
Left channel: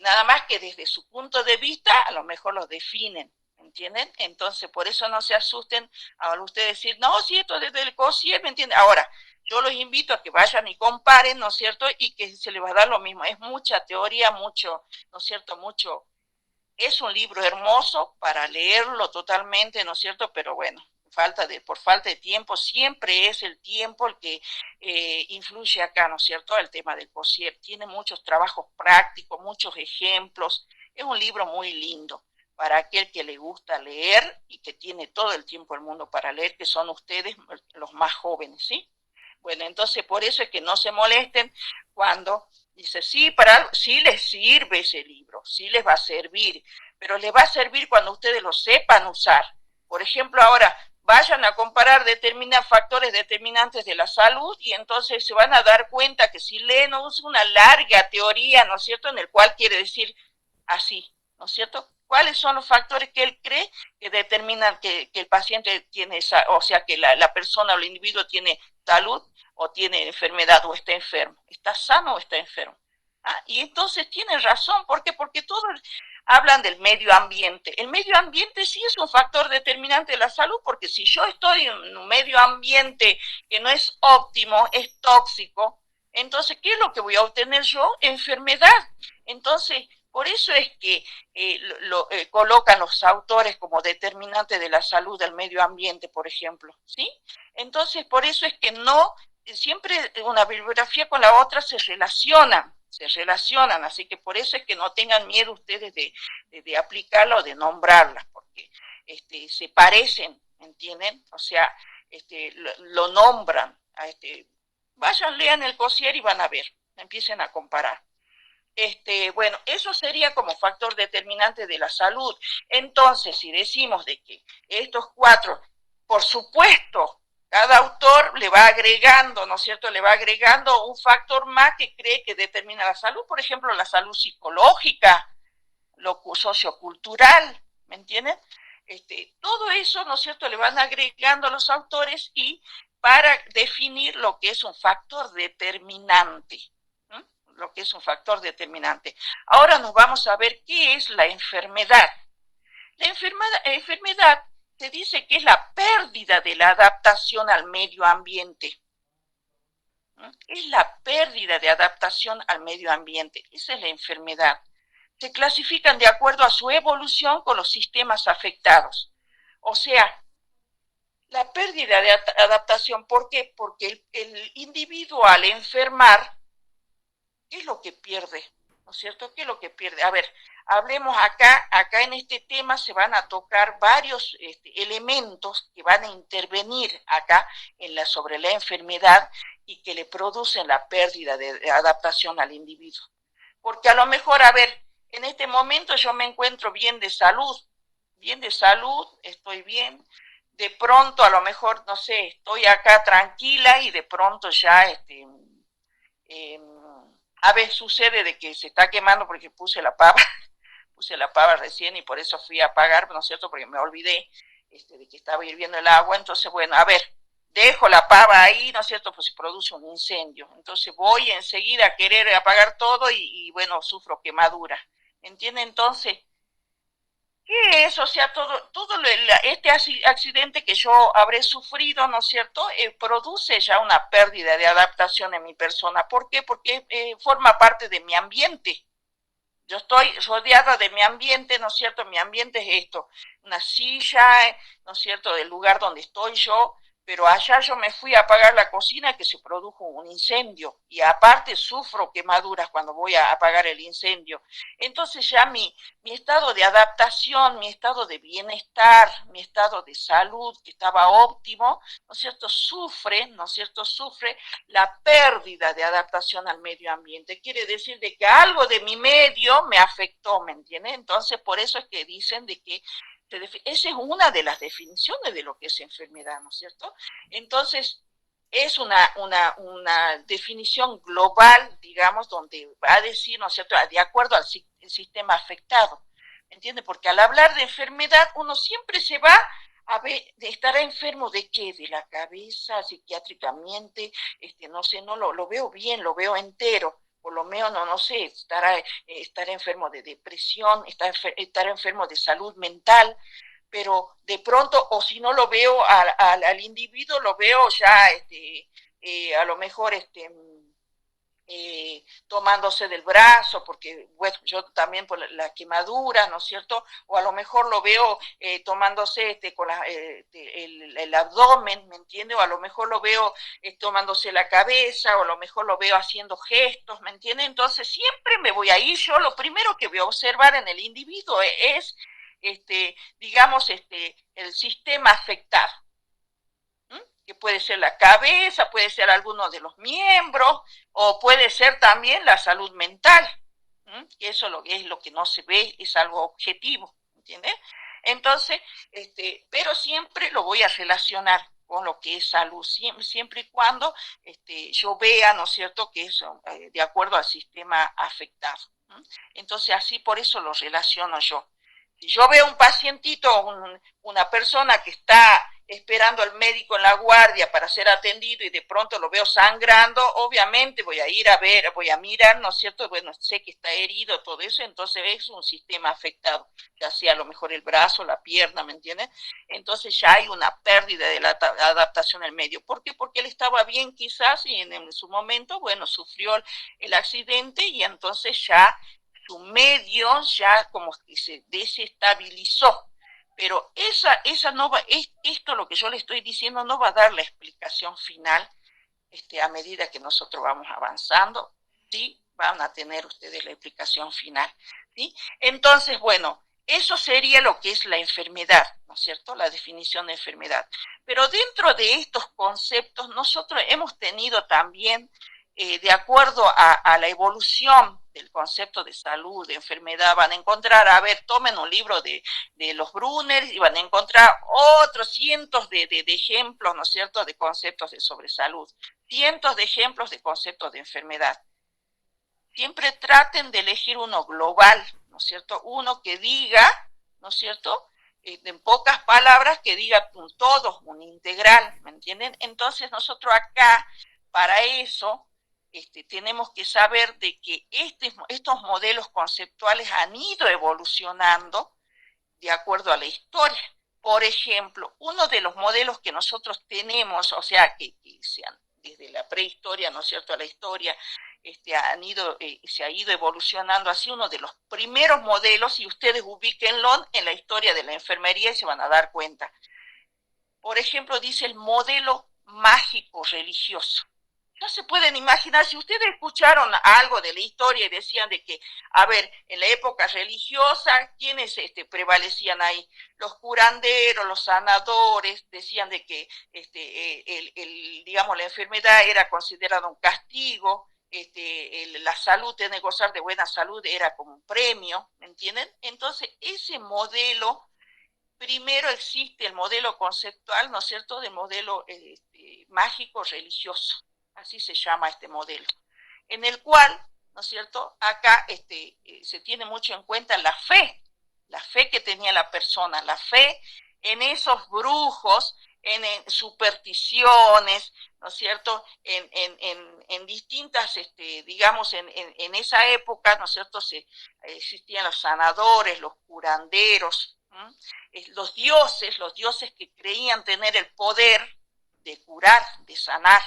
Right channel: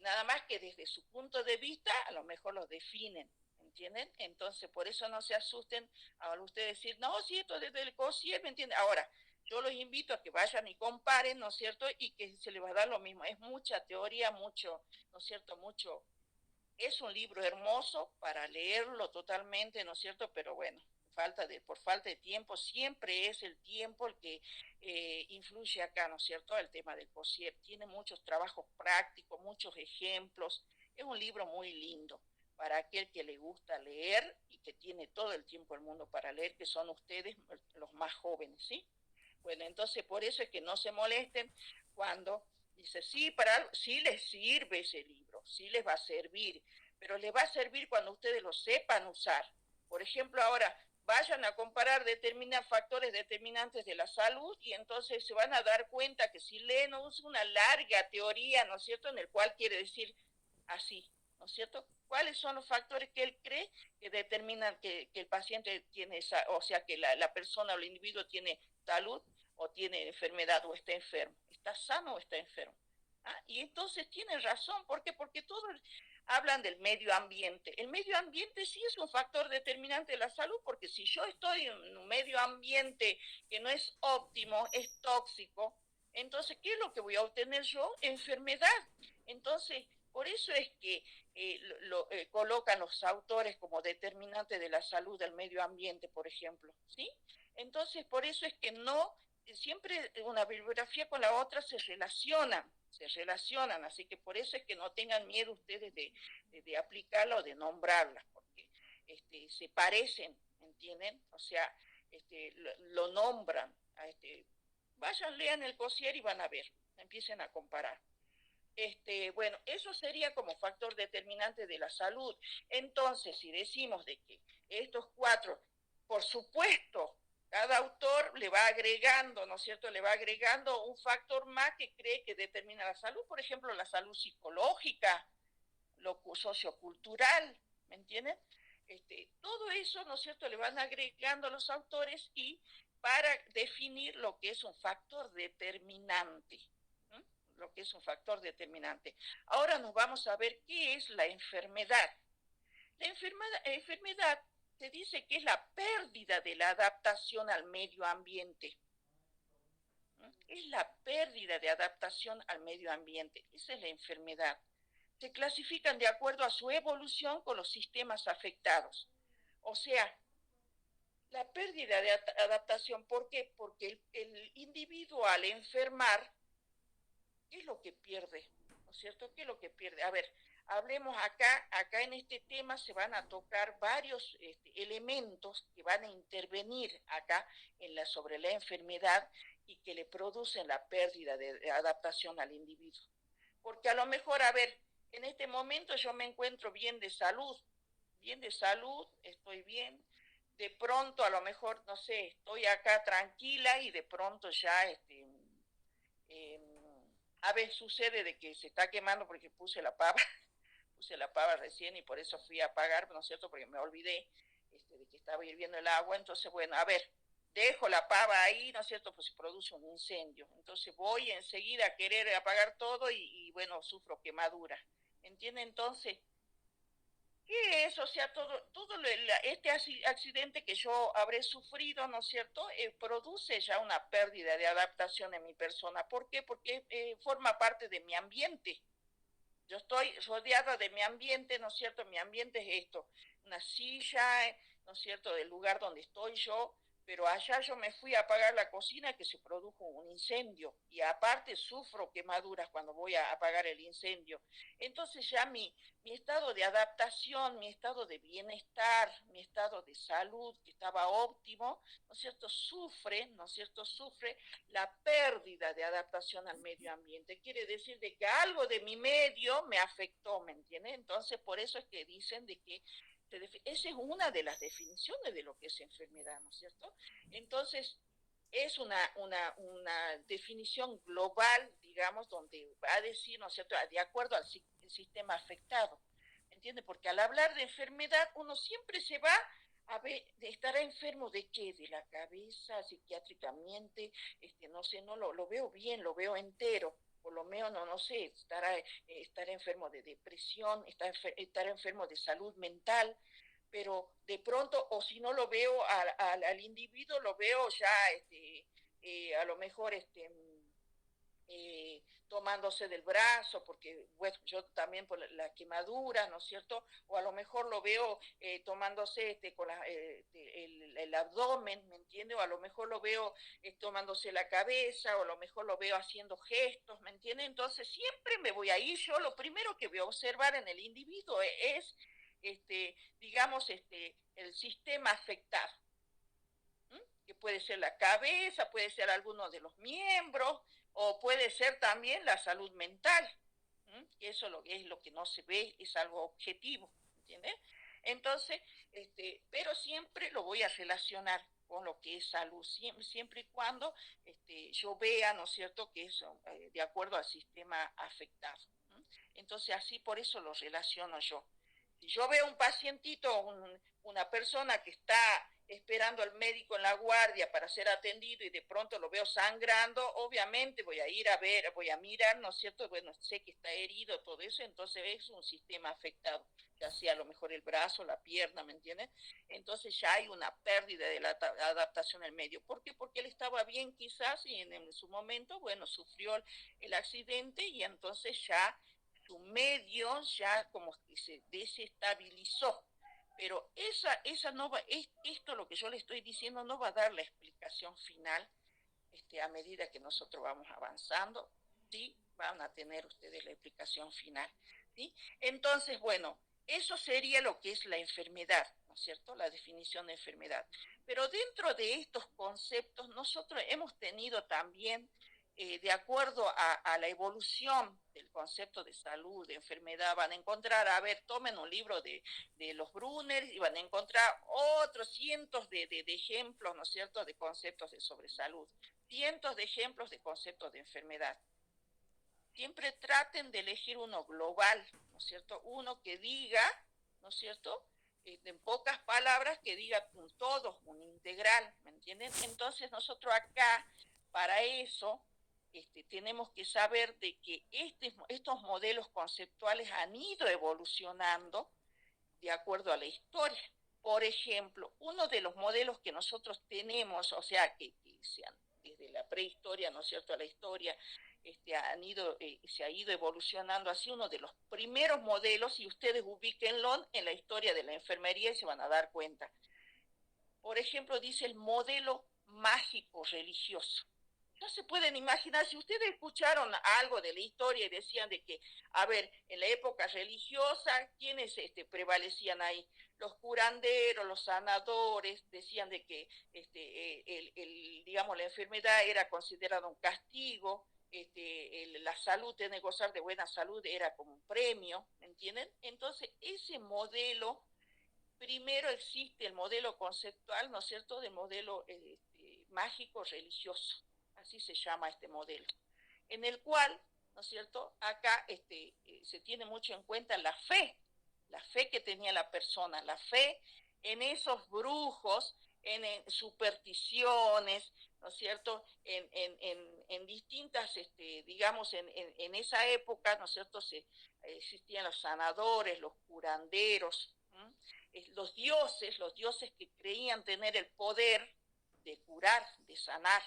Nada más que desde su punto de vista a lo mejor los definen, ¿entienden? Entonces, por eso no se asusten al ustedes decir, no, si esto desde el COSIER, ¿me entienden? Ahora, yo los invito a que vayan y comparen, ¿no es cierto?, y que se les va a dar lo mismo. Es mucha teoría, mucho, ¿no es cierto?, mucho. Es un libro hermoso para leerlo totalmente, ¿no es cierto?, pero bueno, por falta de tiempo, siempre es el tiempo el que influye acá, ¿no es cierto?, el tema del COSIER. Tiene muchos trabajos prácticos, muchos ejemplos. Es un libro muy lindo para aquel que le gusta leer y que tiene todo el tiempo del mundo para leer, que son ustedes los más jóvenes, ¿sí? Bueno, entonces por eso es que no se molesten cuando dice, sí les sirve ese libro, sí les va a servir, pero les va a servir cuando ustedes lo sepan usar. Por ejemplo, ahora vayan a comparar factores determinantes de la salud y entonces se van a dar cuenta que si leen una larga teoría, ¿no es cierto?, en el cual quiere decir así, ¿no es cierto?, ¿cuáles son los factores que él cree que determinan que el paciente tiene o sea, que la persona o el individuo tiene salud o tiene enfermedad o está enfermo? ¿Está sano o está enfermo? Y entonces tienen razón. ¿Por qué? Porque todos hablan del medio ambiente. El medio ambiente sí es un factor determinante de la salud, porque si yo estoy en un medio ambiente que no es óptimo, es tóxico, entonces, ¿qué es lo que voy a obtener yo? Enfermedad. Entonces, por eso es que colocan los autores como determinante de la salud del medio ambiente, por ejemplo, ¿sí? Entonces, por eso es que no, siempre una bibliografía con la otra se relacionan, así que por eso es que no tengan miedo ustedes de aplicarla o de nombrarlas, porque se parecen, ¿entienden? O sea, lo nombran. Vayan, lean el COSIER y van a ver, empiecen a comparar. Bueno, eso sería como factor determinante de la salud. Entonces, si decimos de que estos cuatro, por supuesto, cada autor le va agregando, ¿no es cierto?, le va agregando un factor más que cree que determina la salud, por ejemplo, la salud psicológica, lo sociocultural, ¿me entienden? Todo eso, ¿no es cierto?, le van agregando los autores y para definir lo que es un factor determinante. ¿No? Lo que es un factor determinante. Ahora nos vamos a ver qué es la enfermedad. La enfermedad se dice que es la pérdida de la adaptación al medio ambiente. Es la pérdida de adaptación al medio ambiente. Esa es la enfermedad. Se clasifican de acuerdo a su evolución con los sistemas afectados. O sea, la pérdida de adaptación, ¿por qué? Porque el individuo al enfermar, ¿qué es lo que pierde? ¿No es cierto? ¿Qué es lo que pierde? A ver, hablemos acá en este tema se van a tocar varios elementos que van a intervenir acá sobre la enfermedad y que le producen la pérdida de adaptación al individuo. Porque a lo mejor, a ver, en este momento yo me encuentro bien de salud, estoy bien, de pronto a lo mejor, no sé, estoy acá tranquila y de pronto ya, eh, a veces sucede de que se está quemando porque puse la pava recién y por eso fui a apagar, ¿no es cierto? Porque me olvidé de que estaba hirviendo el agua, entonces, bueno, a ver, dejo la pava ahí, ¿no es cierto? Pues se produce un incendio, entonces voy enseguida a querer apagar todo y bueno, sufro quemadura, ¿entiende? Entonces, ¿qué es? O sea, todo este accidente que yo habré sufrido, ¿no es cierto?, produce ya una pérdida de adaptación en mi persona. ¿Por qué? Porque forma parte de mi ambiente. Yo estoy rodeada de mi ambiente, ¿no es cierto? Mi ambiente es esto, una silla, ¿no es cierto?, del lugar donde estoy yo, pero allá yo me fui a apagar la cocina que se produjo un incendio y aparte sufro quemaduras cuando voy a apagar el incendio. Entonces ya mi estado de adaptación, mi estado de bienestar, mi estado de salud que estaba óptimo, ¿no es cierto?, sufre, ¿no es cierto?, sufre la pérdida de adaptación al medio ambiente. Quiere decir de que algo de mi medio me afectó, ¿me entiende? Entonces, por eso es que dicen de que esa es una de las definiciones de lo que es enfermedad, ¿no es cierto? Entonces, es una definición global, digamos, donde va a decir, ¿no es cierto?, de acuerdo al sistema afectado, ¿me entiende? Porque al hablar de enfermedad, uno siempre se va a ver, ¿estará enfermo de qué? De la cabeza, psiquiátricamente, no sé, no lo veo bien, lo veo entero, por lo menos no sé, estará enfermo de depresión, estará enfermo de salud mental, pero de pronto, o si no lo veo al individuo, lo veo ya, a lo mejor, tomándose del brazo, porque bueno, yo también por la quemadura, ¿no es cierto? O a lo mejor lo veo tomándose con el abdomen, ¿me entiende? O a lo mejor lo veo tomándose la cabeza, o a lo mejor lo veo haciendo gestos, ¿me entiende? Entonces siempre me voy a ir, yo lo primero que voy a observar en el individuo es, digamos, el sistema afectado, que puede ser la cabeza, puede ser alguno de los miembros, o puede ser también la salud mental, que eso es lo que no se ve, es algo objetivo, ¿entiendes? Entonces, pero siempre lo voy a relacionar con lo que es salud, siempre y cuando yo vea, ¿no es cierto?, que es de acuerdo al sistema afectado. Entonces, así por eso lo relaciono yo. Si yo veo un pacientito, una persona que está esperando al médico en la guardia para ser atendido y de pronto lo veo sangrando, obviamente voy a ir a ver, voy a mirar, ¿no es cierto? Bueno, sé que está herido, todo eso, entonces es un sistema afectado, ya sea a lo mejor el brazo, la pierna, ¿me entiendes? Entonces ya hay una pérdida de la adaptación al medio. ¿Por qué? Porque él estaba bien quizás y en su momento, bueno, sufrió el accidente y entonces ya su medio ya como que se desestabilizó, pero esa no va, esto lo que yo le estoy diciendo no va a dar la explicación final a medida que nosotros vamos avanzando, sí, van a tener ustedes la explicación final, ¿sí? Entonces, bueno, eso sería lo que es la enfermedad, ¿no es cierto?, la definición de enfermedad. Pero dentro de estos conceptos nosotros hemos tenido también, de acuerdo a la evolución del concepto de salud, de enfermedad, van a encontrar, a ver, tomen un libro de los Brunner y van a encontrar otros cientos de ejemplos, ¿no es cierto?, de conceptos sobre salud, cientos de ejemplos de conceptos de enfermedad. Siempre traten de elegir uno global, ¿no es cierto?, uno que diga, ¿no es cierto?, en pocas palabras, que diga un todo, un integral, ¿me entienden? Entonces nosotros acá, para eso, tenemos que saber de que estos modelos conceptuales han ido evolucionando de acuerdo a la historia. Por ejemplo, uno de los modelos que nosotros tenemos, o sea, que desde la prehistoria, ¿no es cierto?, a la historia, se ha ido evolucionando así, uno de los primeros modelos, y ustedes ubíquenlo en la historia de la enfermería y se van a dar cuenta. Por ejemplo, dice el modelo mágico religioso. No se pueden imaginar, si ustedes escucharon algo de la historia y decían de que, a ver, en la época religiosa, ¿quiénes prevalecían ahí? Los curanderos, los sanadores, decían de que digamos, la enfermedad era considerada un castigo, la salud, tener gozar de buena salud era como un premio, ¿me entienden? Entonces, ese modelo, primero existe el modelo conceptual, ¿no es cierto?, del modelo mágico religioso, así se llama este modelo, en el cual, ¿no es cierto?, acá se tiene mucho en cuenta la fe que tenía la persona, la fe en esos brujos, en supersticiones, ¿no es cierto?, en distintas, digamos, en esa época, ¿no es cierto?, existían los sanadores, los curanderos, los dioses que creían tener el poder de curar, de sanar.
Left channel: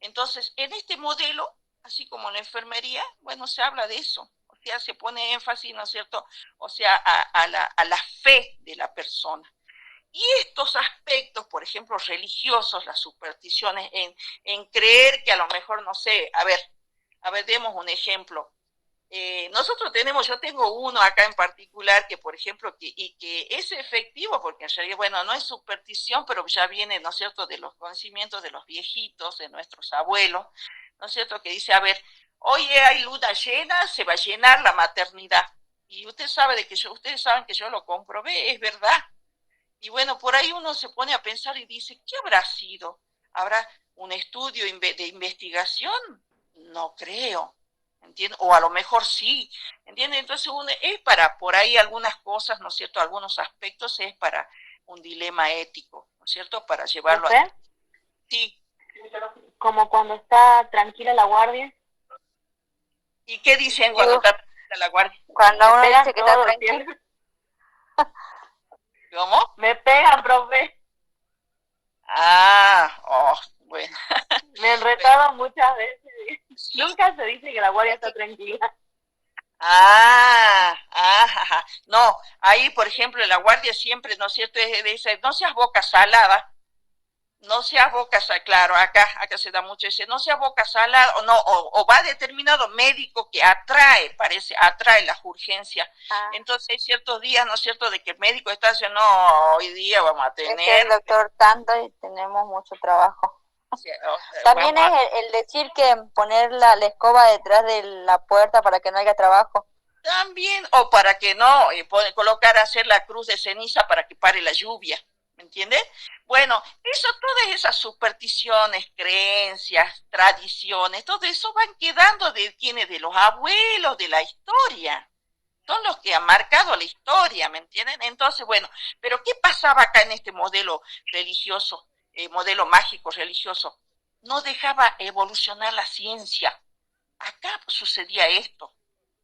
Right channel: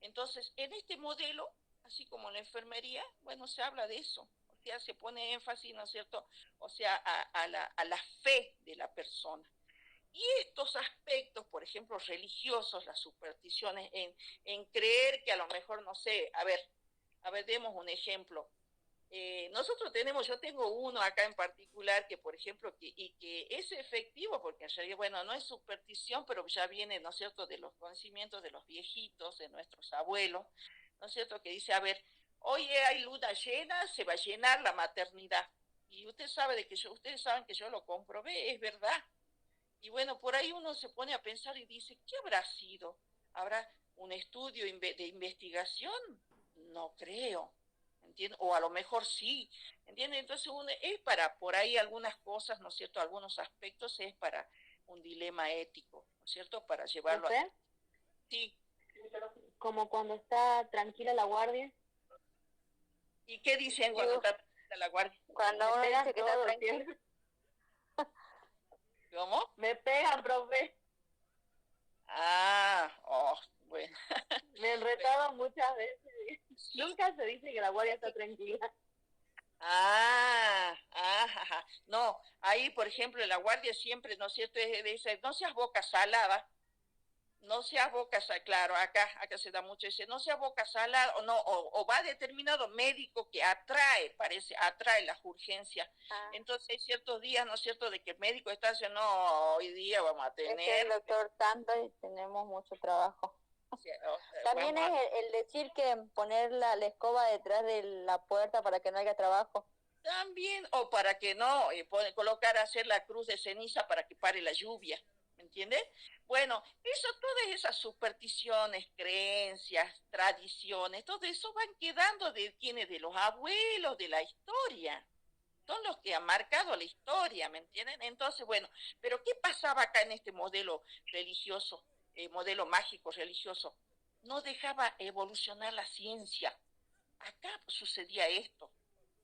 Entonces, en este modelo, así como en la enfermería, bueno, se habla de eso, o sea, se pone énfasis, ¿no es cierto?, o sea, a la fe de la persona. Y estos aspectos, por ejemplo, religiosos, las supersticiones, en creer que a lo mejor, no sé, a ver, demos un ejemplo. Nosotros tenemos, yo tengo uno acá en particular que, por ejemplo, que es efectivo, porque en realidad, bueno, no es superstición, pero ya viene, ¿no es cierto?, de los conocimientos de los viejitos, de nuestros abuelos, ¿no es cierto?, que dice, a ver, hoy hay luna llena, se va a llenar la maternidad. Y usted sabe de que ustedes saben que yo lo comprobé, es verdad. Y bueno, por ahí uno se pone a pensar y dice, ¿qué habrá sido? ¿Habrá un estudio de investigación? No creo. ¿Entiendes? O a lo mejor sí, ¿entiendes? Entonces es para, por ahí algunas cosas, ¿no es cierto?, algunos aspectos es para un dilema ético, ¿no es cierto?, para llevarlo a... ¿Profe? Sí. Como cuando está tranquila la guardia. ¿Y qué dicen cuando está tranquila la guardia? Cuando uno dice que está tranquilo. ¿Cómo? Me pegan, profe. Ah, oh, bueno. Me han retado muchas veces. ¿Sí? Nunca se dice que la guardia está tranquila. No, ahí por ejemplo la guardia siempre, ¿no es cierto?, dice, no seas boca salada, no seas boca salada, claro, acá se da mucho ese, no seas boca salada, o no, o va determinado médico que atrae las urgencias, entonces hay ciertos días, ¿no es cierto?, de que el médico está diciendo, no, hoy día vamos a tener... Es el doctor tanto y tenemos mucho trabajo. También es el decir que poner la escoba detrás de la puerta para que no haya trabajo. También, o para que no, colocar, hacer la cruz de ceniza para que pare la lluvia, ¿me entiendes? Bueno, todas esas supersticiones, creencias, tradiciones, todo eso van quedando de quienes, de los abuelos de la historia. Son los que han marcado la historia, ¿me entienden? Entonces, bueno, pero ¿qué pasaba acá en este modelo religioso, modelo mágico religioso? No dejaba evolucionar la ciencia. Acá sucedía esto,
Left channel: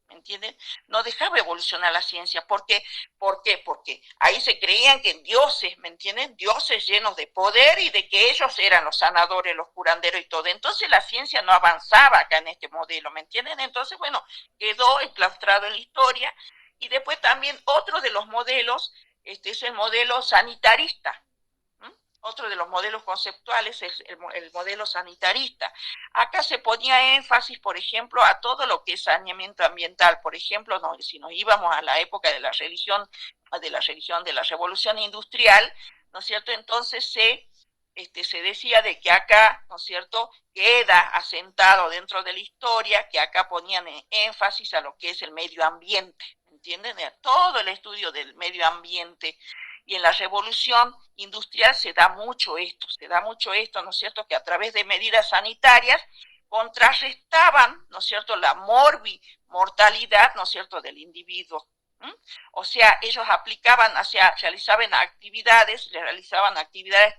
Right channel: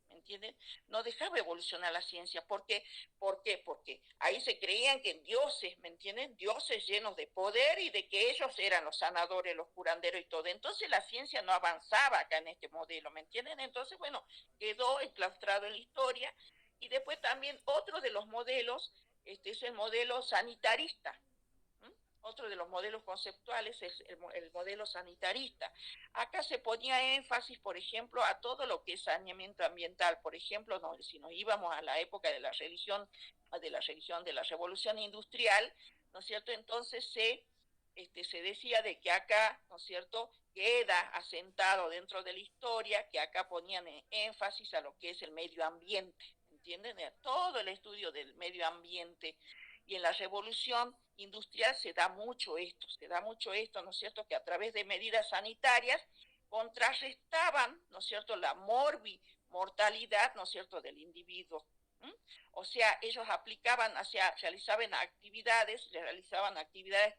¿me entienden? No dejaba evolucionar la ciencia. ¿Por qué? Porque ahí se creían que dioses, ¿me entienden? Dioses llenos de poder y de que ellos eran los sanadores, los curanderos y todo. Entonces la ciencia no avanzaba acá en este modelo, ¿me entienden? Entonces, bueno, quedó enclaustrado en la historia. Y después también otro de los modelos, es el modelo sanitarista. Otro de los modelos conceptuales es el modelo sanitarista. Acá se ponía énfasis, por ejemplo, a todo lo que es saneamiento ambiental. Por ejemplo, si nos íbamos a la época de la religión, de la revolución industrial, ¿no es cierto? Entonces se decía de que acá, ¿no es cierto?, queda asentado dentro de la historia, que acá ponían énfasis a lo que es el medio ambiente, ¿entienden? Todo el estudio del medio ambiente. Y en la revolución industrial se da mucho esto, ¿no es cierto?, que a través de medidas sanitarias contrarrestaban, ¿no es cierto?, la mortalidad, ¿no es cierto?, del individuo, ¿Mm? O sea, ellos aplicaban, o sea, realizaban actividades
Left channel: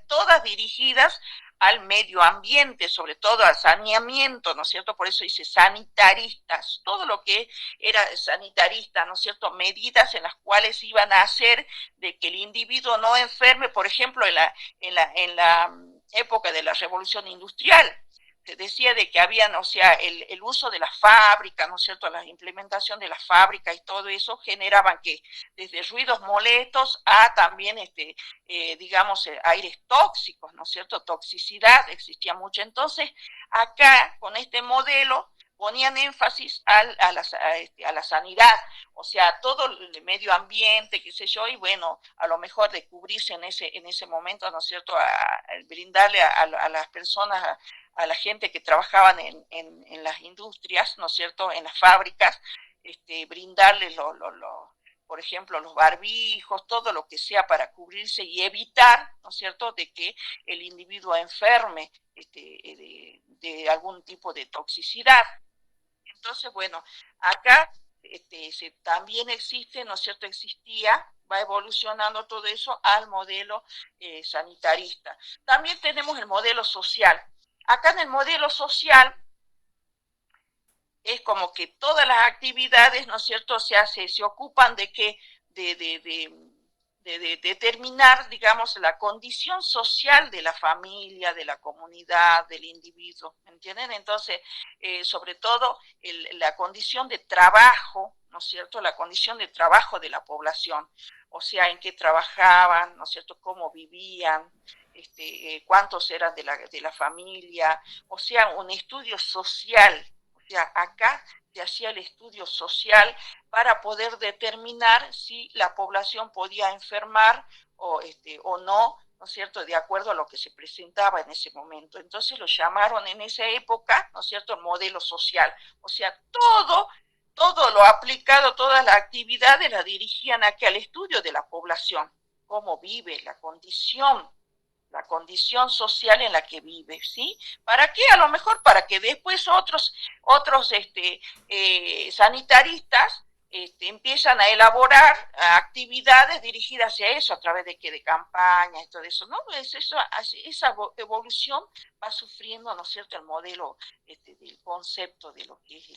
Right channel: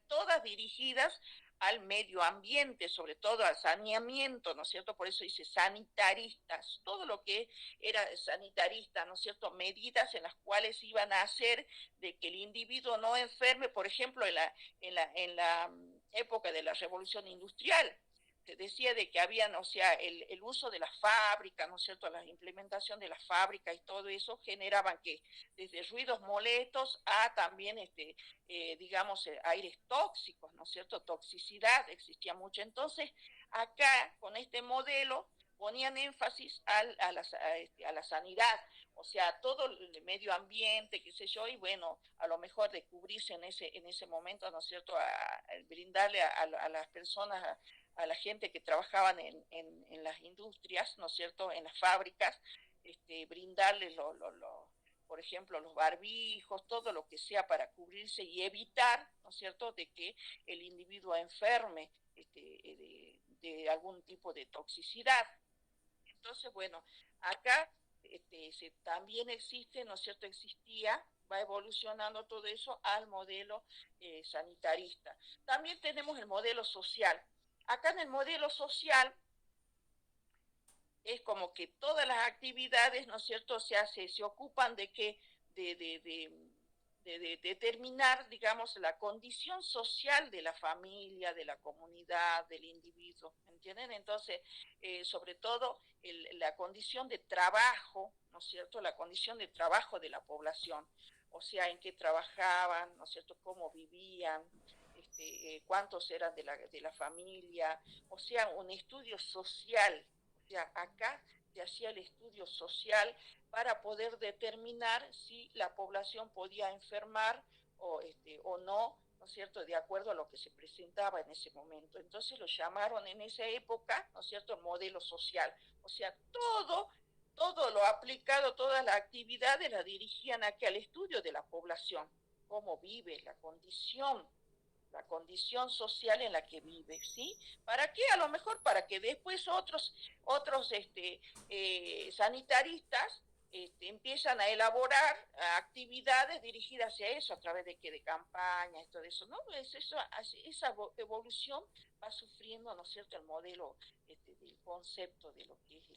todas dirigidas al medio ambiente, sobre todo al saneamiento, ¿no es cierto? Por eso dice sanitaristas, todo lo que era sanitarista, ¿no es cierto? Medidas en las cuales iban a hacer de que el individuo no enferme, por ejemplo, en la época de la revolución industrial, se decía de que habían, o sea, el uso de la fábrica, ¿no es cierto?, la implementación de la fábrica y todo eso generaban que desde ruidos molestos a también, digamos, aires tóxicos, ¿no es cierto?, toxicidad, existía mucho. Entonces, acá, con este modelo, ponían énfasis a la sanidad, o sea, todo el medio ambiente, qué sé yo, y bueno, a lo mejor de cubrirse en ese momento, ¿no es cierto?, brindarle a las personas, a la gente que trabajaban en las industrias, ¿no es cierto?, en las fábricas, brindarles por ejemplo, los barbijos, todo lo que sea para cubrirse y evitar, ¿no es cierto?, de que el individuo enferme de algún tipo de toxicidad. Entonces, bueno, acá también existe, ¿no es cierto?, va evolucionando todo eso al modelo sanitarista. También tenemos el modelo social. Acá en el modelo social es como que todas las actividades, ¿no es cierto?, se ocupan de que de determinar, digamos, la condición social de la familia, de la comunidad, del individuo, ¿entienden? Entonces, sobre todo, la condición de trabajo, ¿no es cierto?, la condición de trabajo de la población, o sea, en qué trabajaban, ¿no es cierto?, cómo vivían, cuántos eran de la familia, o sea, un estudio social. O sea, acá se hacía el estudio social para poder determinar si la población podía enfermar o no, ¿no es cierto?, de acuerdo a lo que se presentaba en ese momento. Entonces lo llamaron en esa época, ¿no es cierto?, modelo social. O sea, todo lo aplicado, todas las actividades las dirigían aquí al estudio de la población, cómo vive, la condición social en la que vive, ¿sí? ¿Para qué? A lo mejor para que después otros sanitaristas empiezan a elaborar actividades dirigidas hacia eso, a través de campañas y todo eso, ¿no? Pues esa evolución va sufriendo, ¿no es cierto?, el modelo del concepto de lo que es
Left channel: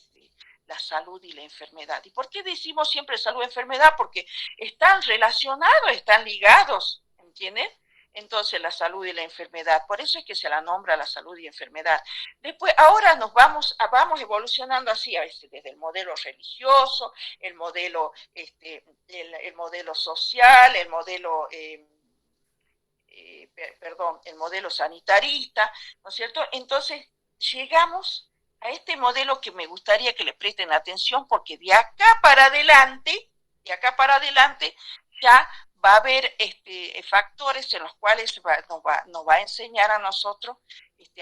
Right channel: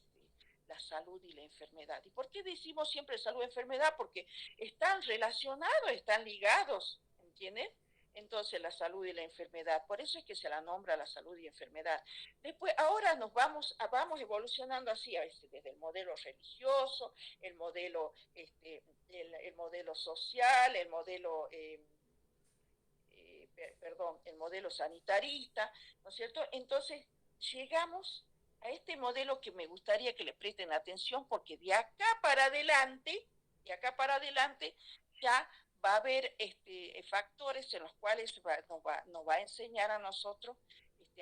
la salud y la enfermedad. ¿Y por qué decimos siempre salud y enfermedad? Porque están relacionados, están ligados, ¿entiendes? Entonces la salud y la enfermedad, por eso es que se la nombra la salud y enfermedad. Después, ahora vamos evolucionando así, a veces desde el modelo religioso, el modelo social, el modelo sanitarista, ¿no es cierto? Entonces llegamos a este modelo que me gustaría que le presten atención, porque de acá para adelante ya va a haber factores en los cuales nos va a enseñar a nosotros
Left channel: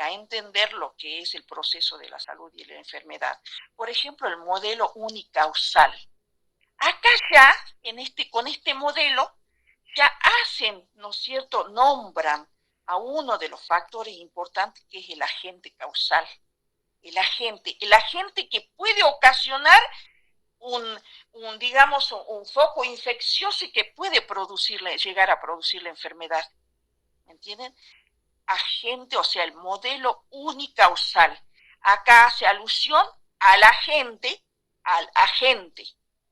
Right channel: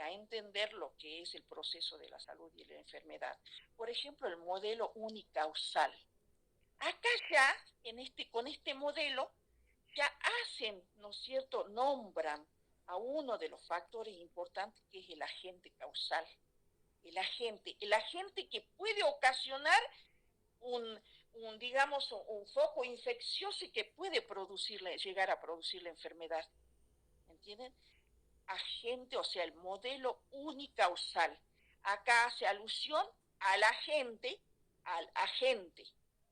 a entender lo que es el proceso de la salud y la enfermedad. Por ejemplo, el modelo unicausal. Acá ya, con este modelo, ya hacen, ¿no es cierto?, nombran a uno de los factores importantes, que es el agente causal. El agente que puede ocasionar digamos, un foco infeccioso y que puede llegar a producir la enfermedad. ¿Entienden? Agente, o sea, el modelo unicausal. Acá hace alusión al agente,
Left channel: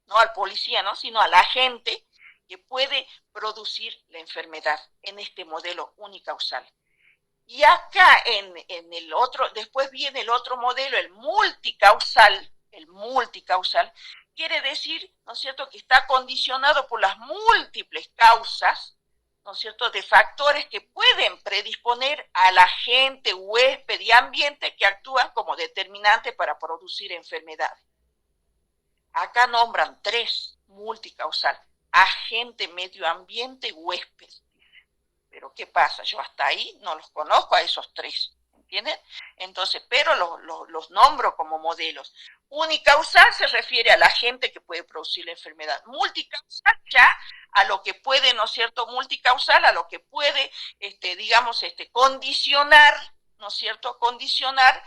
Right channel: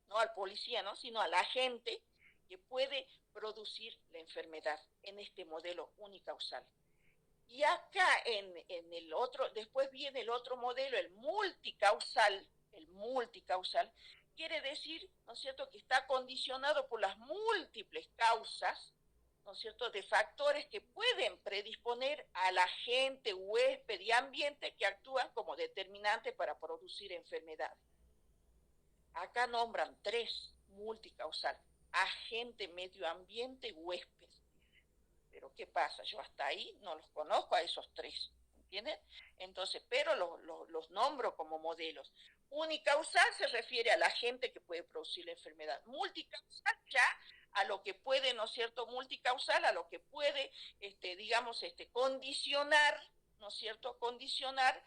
no al policía, ¿no?, sino al agente que puede producir la enfermedad en este modelo unicausal. Y acá en el otro, después viene el otro modelo, el multicausal. El multicausal quiere decir, ¿no es cierto?, que está condicionado por las múltiples causas, ¿no es cierto?, de factores que pueden predisponer al agente, huésped y ambiente que actúan como determinante para producir enfermedades. Acá nombran 3 multicausal: agente, medio ambiente y huésped. Pero ¿qué pasa? Yo hasta ahí no los conozco a esos 3, ¿entienden? Entonces, pero los nombro como modelos. Unicausal se refiere a la agente que puede producir la enfermedad. Multicausal ya a lo que puede, ¿no es cierto?, multicausal a lo que puede, digamos, condicionar, ¿no es cierto?, condicionar,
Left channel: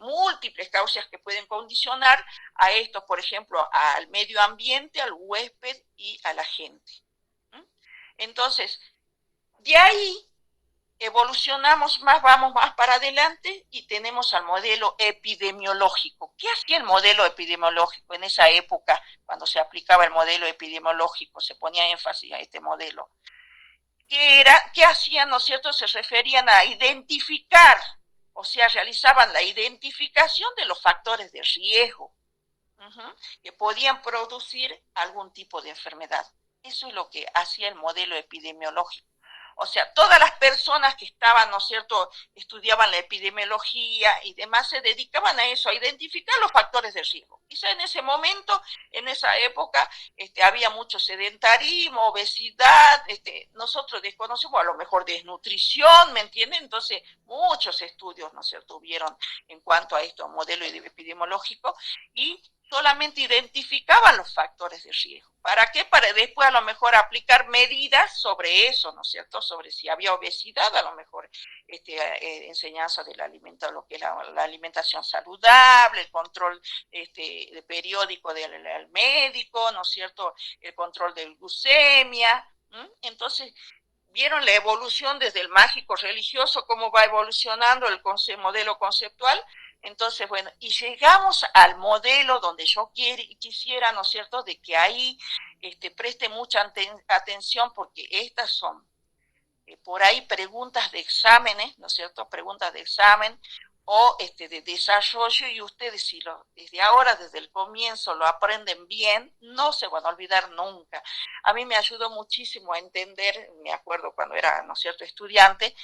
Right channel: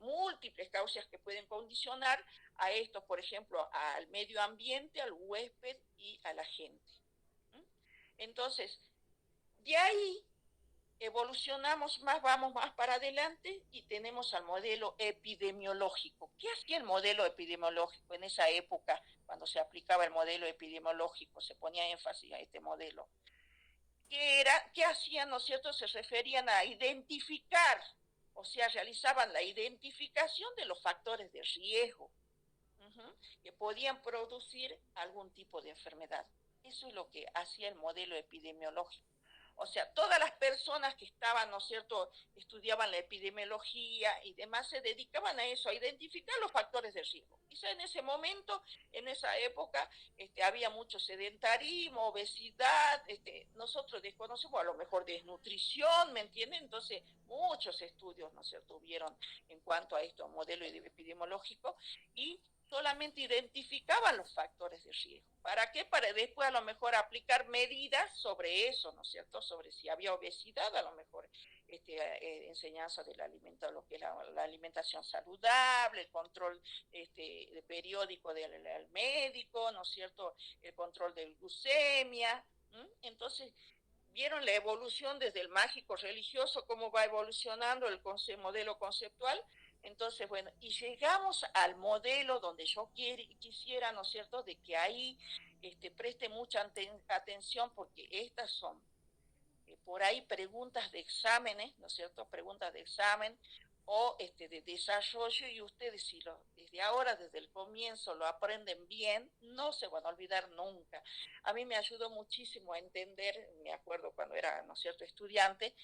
múltiples causas que pueden condicionar a esto, por ejemplo, al medio ambiente, al huésped y a la gente. Entonces, de ahí evolucionamos más, vamos más para adelante y tenemos al modelo epidemiológico. ¿Qué hacía el modelo epidemiológico en esa época, cuando se aplicaba el modelo epidemiológico, se ponía énfasis a este modelo? ¿Qué hacían, no es cierto? Se referían a identificar, o sea, realizaban la identificación de los factores de riesgo que podían producir algún tipo de enfermedad. Eso es lo que hacía el modelo epidemiológico. O sea, todas las personas que estaban, ¿no es cierto?, estudiaban la epidemiología y demás, se dedicaban a eso, a identificar los factores de riesgo. Quizá en ese momento, en esa época, había mucho sedentarismo, obesidad, nosotros desconocemos a lo mejor desnutrición, ¿me entienden? Entonces, muchos estudios, ¿no es cierto?, hubieron en cuanto a esto, modelo epidemiológico, y solamente identificaban los factores de riesgo. ¿Para qué? Para después a lo mejor aplicar medidas sobre eso, ¿no es cierto? Sobre si había obesidad, a lo mejor enseñanza del alimento, lo que es la alimentación saludable, el control de periódico del médico, ¿no es cierto? El control de glucemia. Entonces, vieron la evolución desde el mágico religioso, cómo va evolucionando el modelo conceptual. Entonces, bueno, y llegamos al modelo donde yo quisiera, ¿no es cierto?, de que ahí preste mucha atención, porque estas son por ahí preguntas de exámenes, ¿no es cierto?, preguntas de examen o de desarrollo, y ustedes si desde ahora, desde el comienzo, lo aprenden bien, no se van a olvidar nunca. A mí me ayudó muchísimo a entender, me acuerdo cuando era, ¿no es cierto?, estudiante,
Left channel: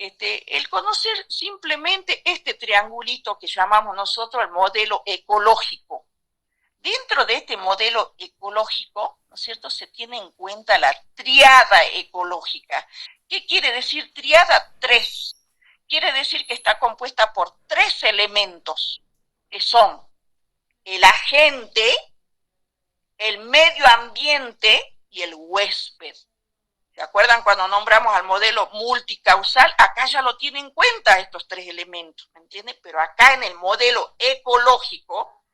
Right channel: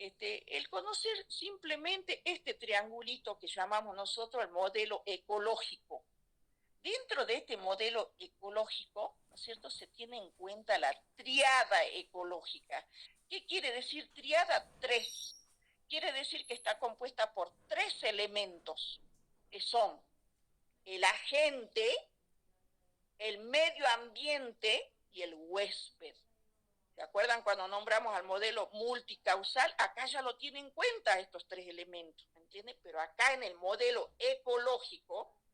el conocer simplemente este triangulito que llamamos nosotros el modelo ecológico. Dentro de este modelo ecológico, ¿no es cierto?, se tiene en cuenta la triada ecológica. ¿Qué quiere decir triada? 3. Quiere decir que está compuesta por 3 elementos, que son el agente, el medio ambiente y el huésped. ¿Se acuerdan cuando nombramos al modelo multicausal? Acá ya lo tienen en cuenta estos 3 elementos, ¿me entienden? Pero acá en el modelo ecológico,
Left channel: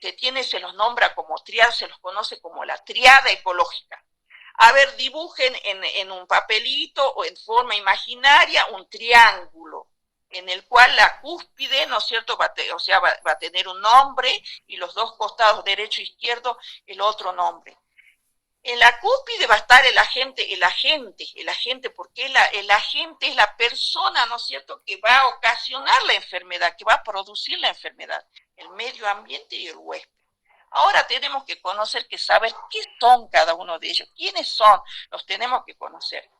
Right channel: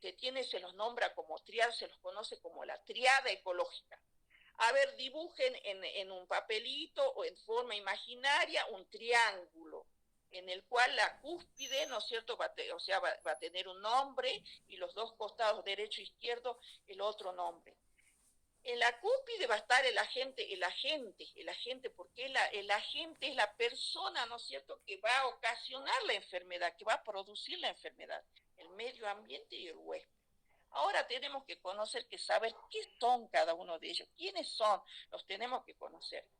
se los nombra como triada, se los conoce como la triada ecológica. A ver, dibujen en un papelito o en forma imaginaria un triángulo en el cual la cúspide, ¿no es cierto?, va a tener un nombre, y los dos costados, derecho e izquierdo, el otro nombre. En la cúspide va a estar el agente, porque el agente es la persona, ¿no es cierto?, que va a ocasionar la enfermedad, que va a producir la enfermedad, el medio ambiente y el huésped. Ahora tenemos que saber qué son cada uno de ellos, quiénes son, los tenemos que conocer.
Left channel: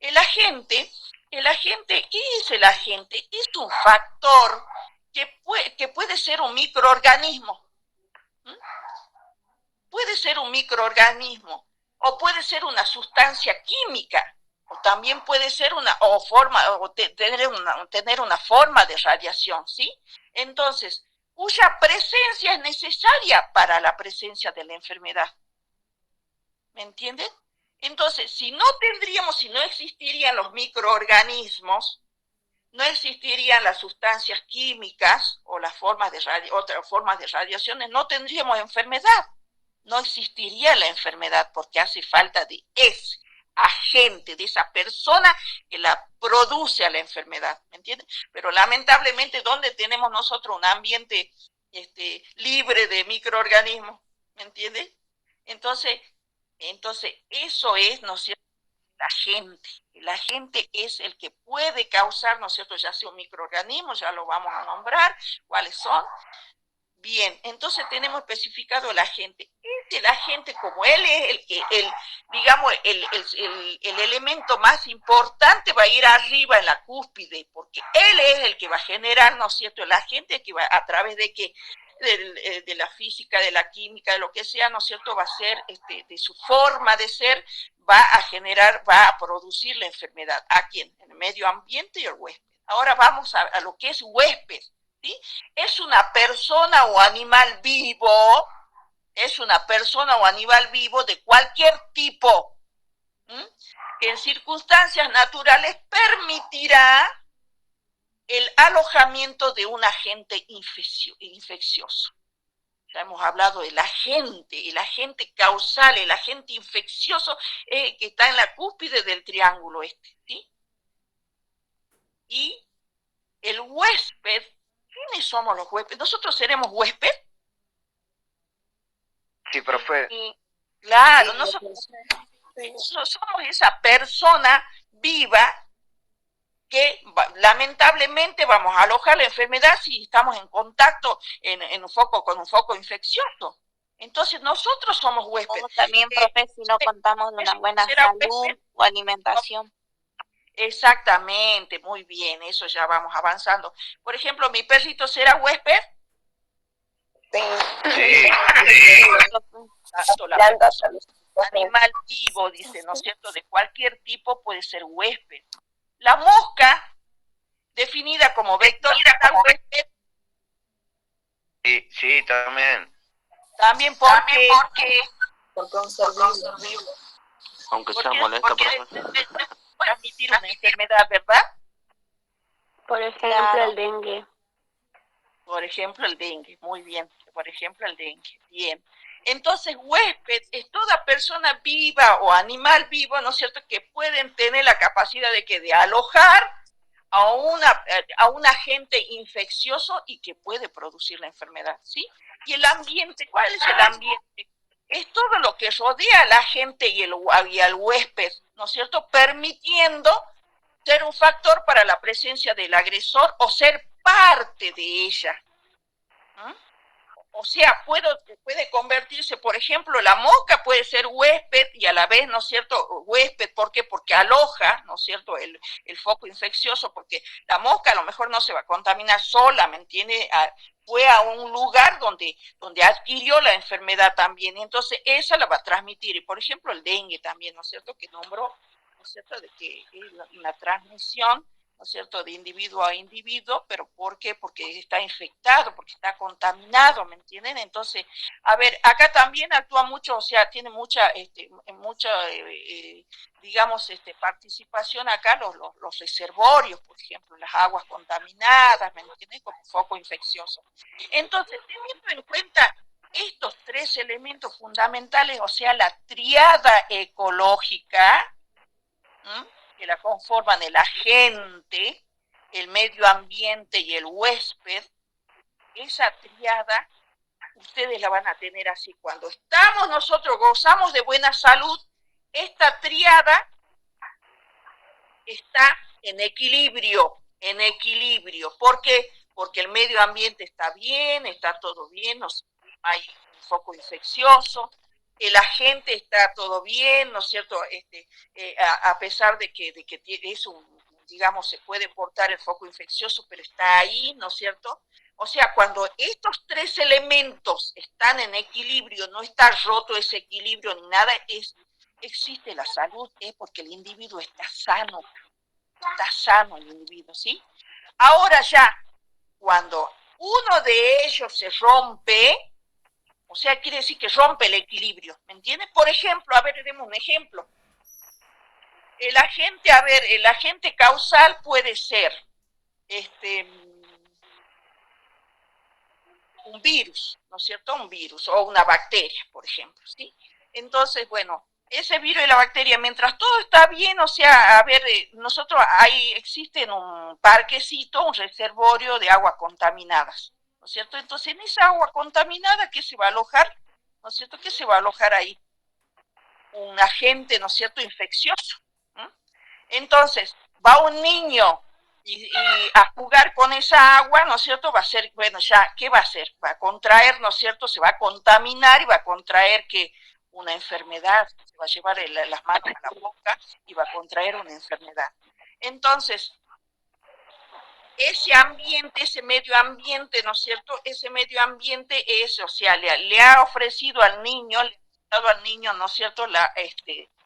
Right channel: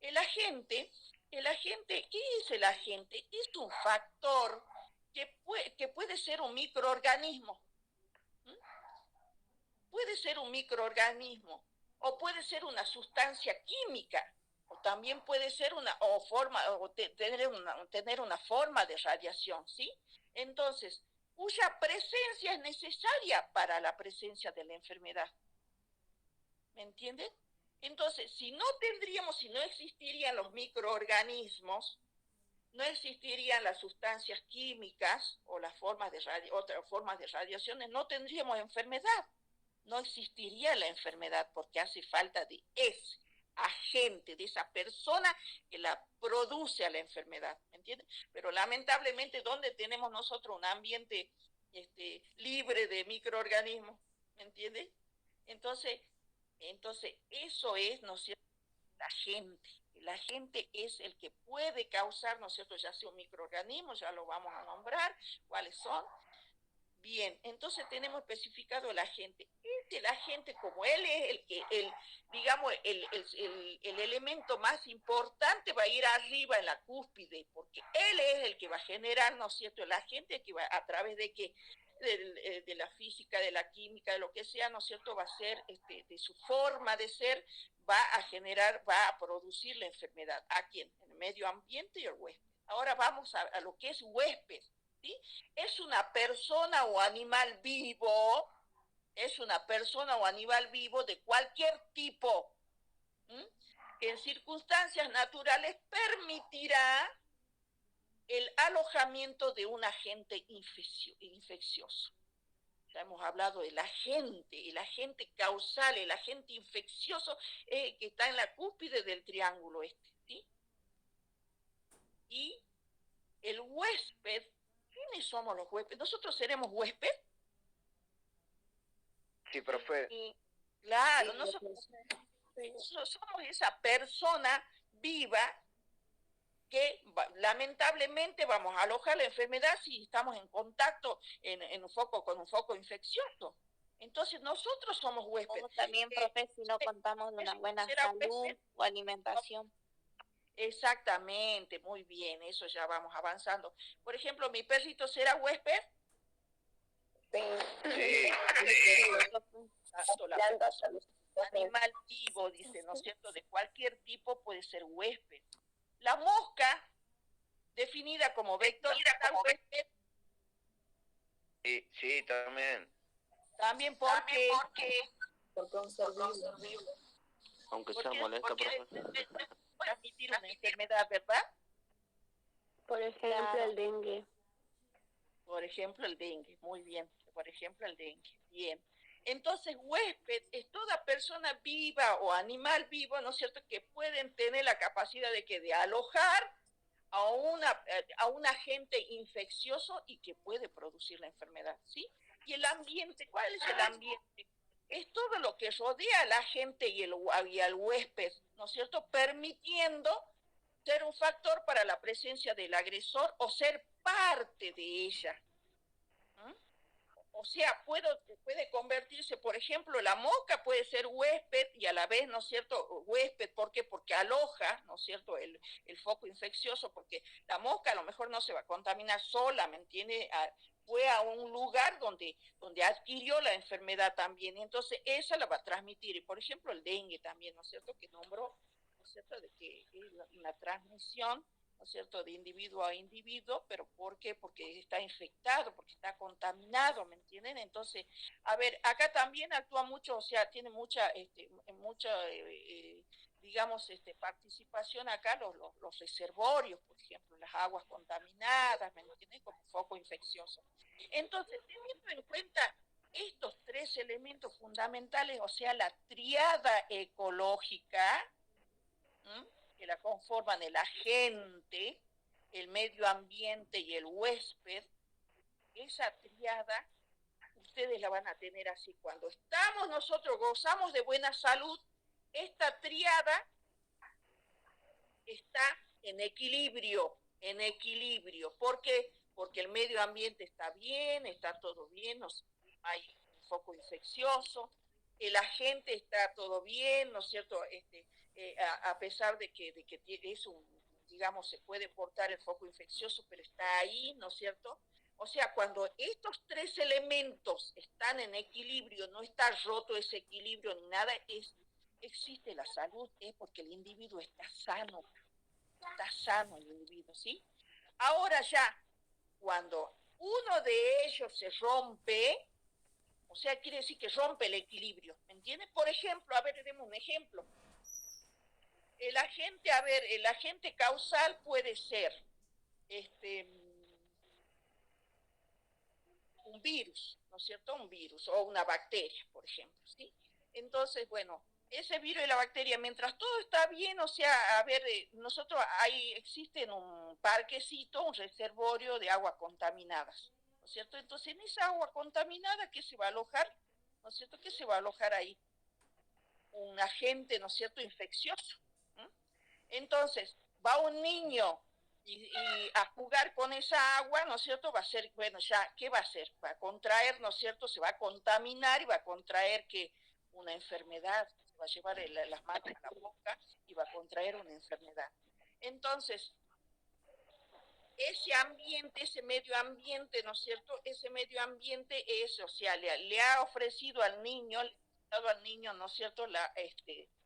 El agente, ¿qué es el agente? Es un factor que puede ser un microorganismo. Puede ser un microorganismo, o puede ser una sustancia química, o también puede ser tener una forma de radiación, ¿sí? Entonces, cuya presencia es necesaria para la presencia de la enfermedad. ¿Me entienden? Entonces, si no existirían los microorganismos, no existirían las sustancias químicas o otras formas de radiaciones, no tendríamos enfermedad. No existiría la enfermedad, porque hace falta de ese agente, de esa persona que la produce a la enfermedad, ¿me entiendes? Pero lamentablemente, ¿dónde tenemos nosotros un ambiente libre de microorganismos? ¿Me entiendes? Entonces eso es, ¿no es cierto?, la gente. El agente es el que puede causar, ¿no es cierto?, ya sea un microorganismo, ya lo vamos a nombrar, cuáles son. Bien, entonces tenemos especificado el agente. El agente, como él es el elemento más importante, va a ir arriba en la cúspide, porque él es el que va a generar, ¿no es cierto?, el agente que va a través de de la física, de la química, de lo que sea, ¿no es cierto?, va a ser, de su forma de ser, va a producir la enfermedad. ¿A quién? En el medio ambiente y el huésped. Ahora vamos a lo que es huésped. ¿Sí? Es una persona o animal vivo, de cualquier tipo, que en circunstancias naturales permitirá el alojamiento de un agente infeccioso. Ya hemos hablado del agente, el agente causal, el agente infeccioso que está en la cúspide del triángulo este, ¿sí? Y el huésped, ¿quiénes somos los huéspedes? ¿Nosotros seremos huésped? Sí, profe. Claro, nosotros somos esa persona viva que lamentablemente vamos a alojar la enfermedad si estamos en contacto con un foco infeccioso. Entonces nosotros somos huéspedes. Como también, profe, si no contamos de una buena salud o alimentación. Exactamente, muy bien, eso ya vamos avanzando. Por ejemplo, ¿mi perrito será huésped? Sí. Animal vivo, dice, ¿no es cierto? De cualquier tipo puede ser huésped. La mosca, definida como vector huésped. Sí, también. También porque un ser vivo. Aunque sea molesta, profe. Transmitir una enfermedad, ¿verdad? Por ejemplo, el dengue. Por ejemplo, el dengue, muy bien. Por ejemplo, el dengue, bien. Entonces, huésped es toda persona viva o animal vivo, ¿no es cierto?, que pueden tener la capacidad de alojar a un agente infeccioso y que puede producir la enfermedad, ¿sí? Y el ambiente, ¿cuál es el ambiente? Es todo lo que rodea al agente y al huésped, ¿no es cierto?, permitiendo ser un factor para la presencia del agresor o ser parte de ella. O sea, puede convertirse, por ejemplo, la mosca puede ser huésped y a la vez, ¿no es cierto?, huésped, ¿por qué? Porque aloja, ¿no es cierto?, el foco infeccioso, porque la mosca a lo mejor no se va a contaminar sola, ¿me entiende? Fue a un lugar donde adquirió la enfermedad también, y entonces esa la va a transmitir. Y por ejemplo, el dengue también, ¿no es cierto?, que nombró, ¿no es cierto?, de que es una transmisión, ¿no es cierto?, de individuo a individuo, pero ¿por qué? Porque está infectado, porque está contaminado, ¿me entienden? Entonces, a ver, acá también actúa mucho, o sea, tiene mucha digamos, participación acá los reservorios, por ejemplo, las aguas contaminadas, ¿me entienden?, como foco infeccioso. Entonces, teniendo en cuenta estos tres elementos fundamentales, o sea, la triada ecológica, que la conforman el agente, el medio ambiente y el huésped, esa triada ustedes la van a tener así. Cuando nosotros gozamos de buena salud, esta triada está en equilibrio. ¿Por qué? Porque el medio ambiente está bien, está todo bien, no hay un foco infeccioso, el agente está todo bien, ¿no es cierto? A pesar de que es digamos, se puede portar el foco infeccioso, pero está ahí, ¿no es cierto? O sea, cuando estos tres elementos están en equilibrio, no está roto ese equilibrio ni nada, existe la salud, es porque el individuo está sano el individuo, ¿sí? Ahora ya, cuando uno de ellos se rompe, o sea, quiere decir que rompe el equilibrio, ¿me entiendes? Por ejemplo, a ver, demos un ejemplo. El agente causal puede ser un virus, ¿no es cierto? Un virus o una bacteria, por ejemplo, ¿sí? Entonces, bueno, ese virus y la bacteria, mientras todo está bien, o sea, a ver, nosotros ahí existe en un parquecito, un reservorio de aguas contaminadas, ¿no es cierto? Entonces, en esa agua contaminada, ¿qué se va a alojar? ¿No es cierto? ¿Qué se va a alojar ahí? Un agente, ¿no es cierto?, infeccioso. Entonces, va un niño y a jugar con esa agua, ¿no es cierto?, va a ser, bueno, ya, ¿qué va a hacer? Va a contraer, ¿no es cierto?, se va a contaminar y va a contraer que una enfermedad, se va a llevar las manos a la boca y va a contraer una enfermedad. Entonces, ese ambiente, ese medio ambiente, ¿no es cierto?, ese medio ambiente es, o sea, le ha ofrecido al niño, ¿no es cierto?,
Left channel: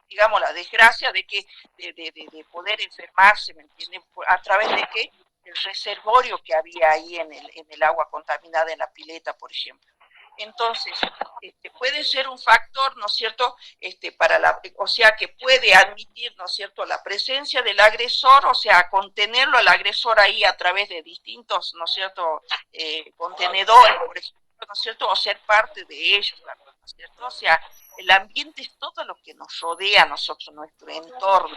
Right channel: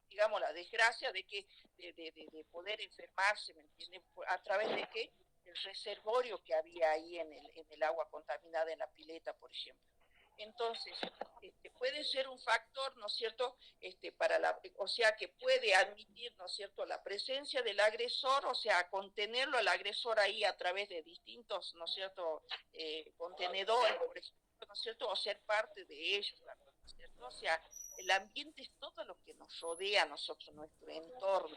digamos, la desgracia de poder enfermarse, ¿me entienden? ¿A través de qué? El reservorio que había ahí en el agua contaminada en la pileta, por ejemplo. Entonces, puede ser un factor, ¿no es cierto?, o sea, que puede admitir, ¿no es cierto?, la presencia del agresor, o sea, contenerlo al agresor ahí a través de distintos, ¿no es cierto?, contenedores, por ejemplo, ¿no es cierto?, o ser parte de ellos, ¿no es cierto? O sea, el ambiente es todo lo que nos rodea a nosotros, nuestro entorno.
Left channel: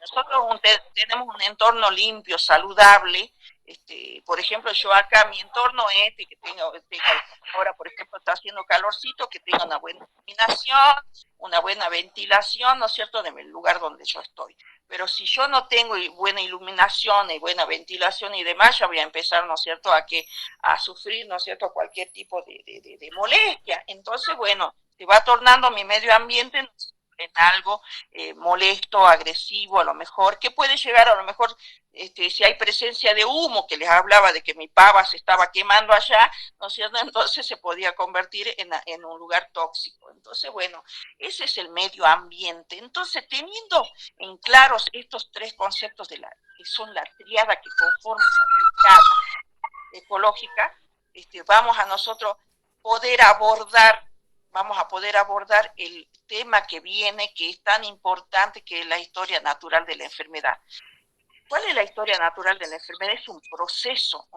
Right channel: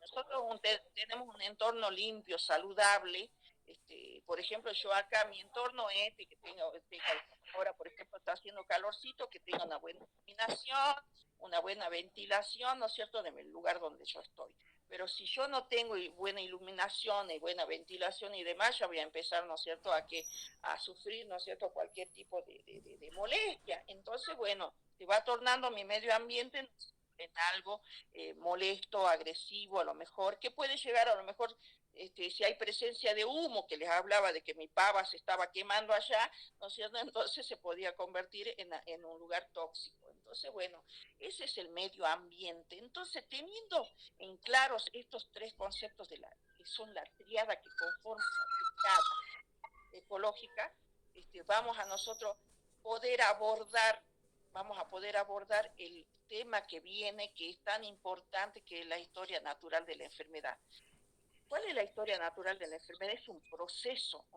Nosotros tenemos un entorno limpio, saludable. Por ejemplo, yo acá, mi entorno que tengo, ahora, por ejemplo, está haciendo calorcito, que tenga una buena iluminación, una buena ventilación, ¿no es cierto?, del lugar donde yo estoy. Pero si yo no tengo buena iluminación y buena ventilación y demás, ya voy a empezar, ¿no es cierto?, a sufrir, ¿no es cierto?, cualquier tipo de molestia. Entonces, bueno, se va tornando mi medio ambiente en algo molesto, agresivo, a lo mejor, que puede llegar a lo mejor, si hay presencia de humo, que les hablaba de que mi pava se estaba quemando allá, ¿no es cierto? Entonces se podía convertir en un lugar tóxico. Entonces, bueno, ese es el medio ambiente. Entonces, teniendo en claros estos tres conceptos que son la tríada que conforma la tríada ecológica, vamos a nosotros poder abordar vamos a poder abordar el tema que viene, que es tan importante, que es la historia natural de la enfermedad. ¿Cuál es la historia natural de la enfermedad? Es un proceso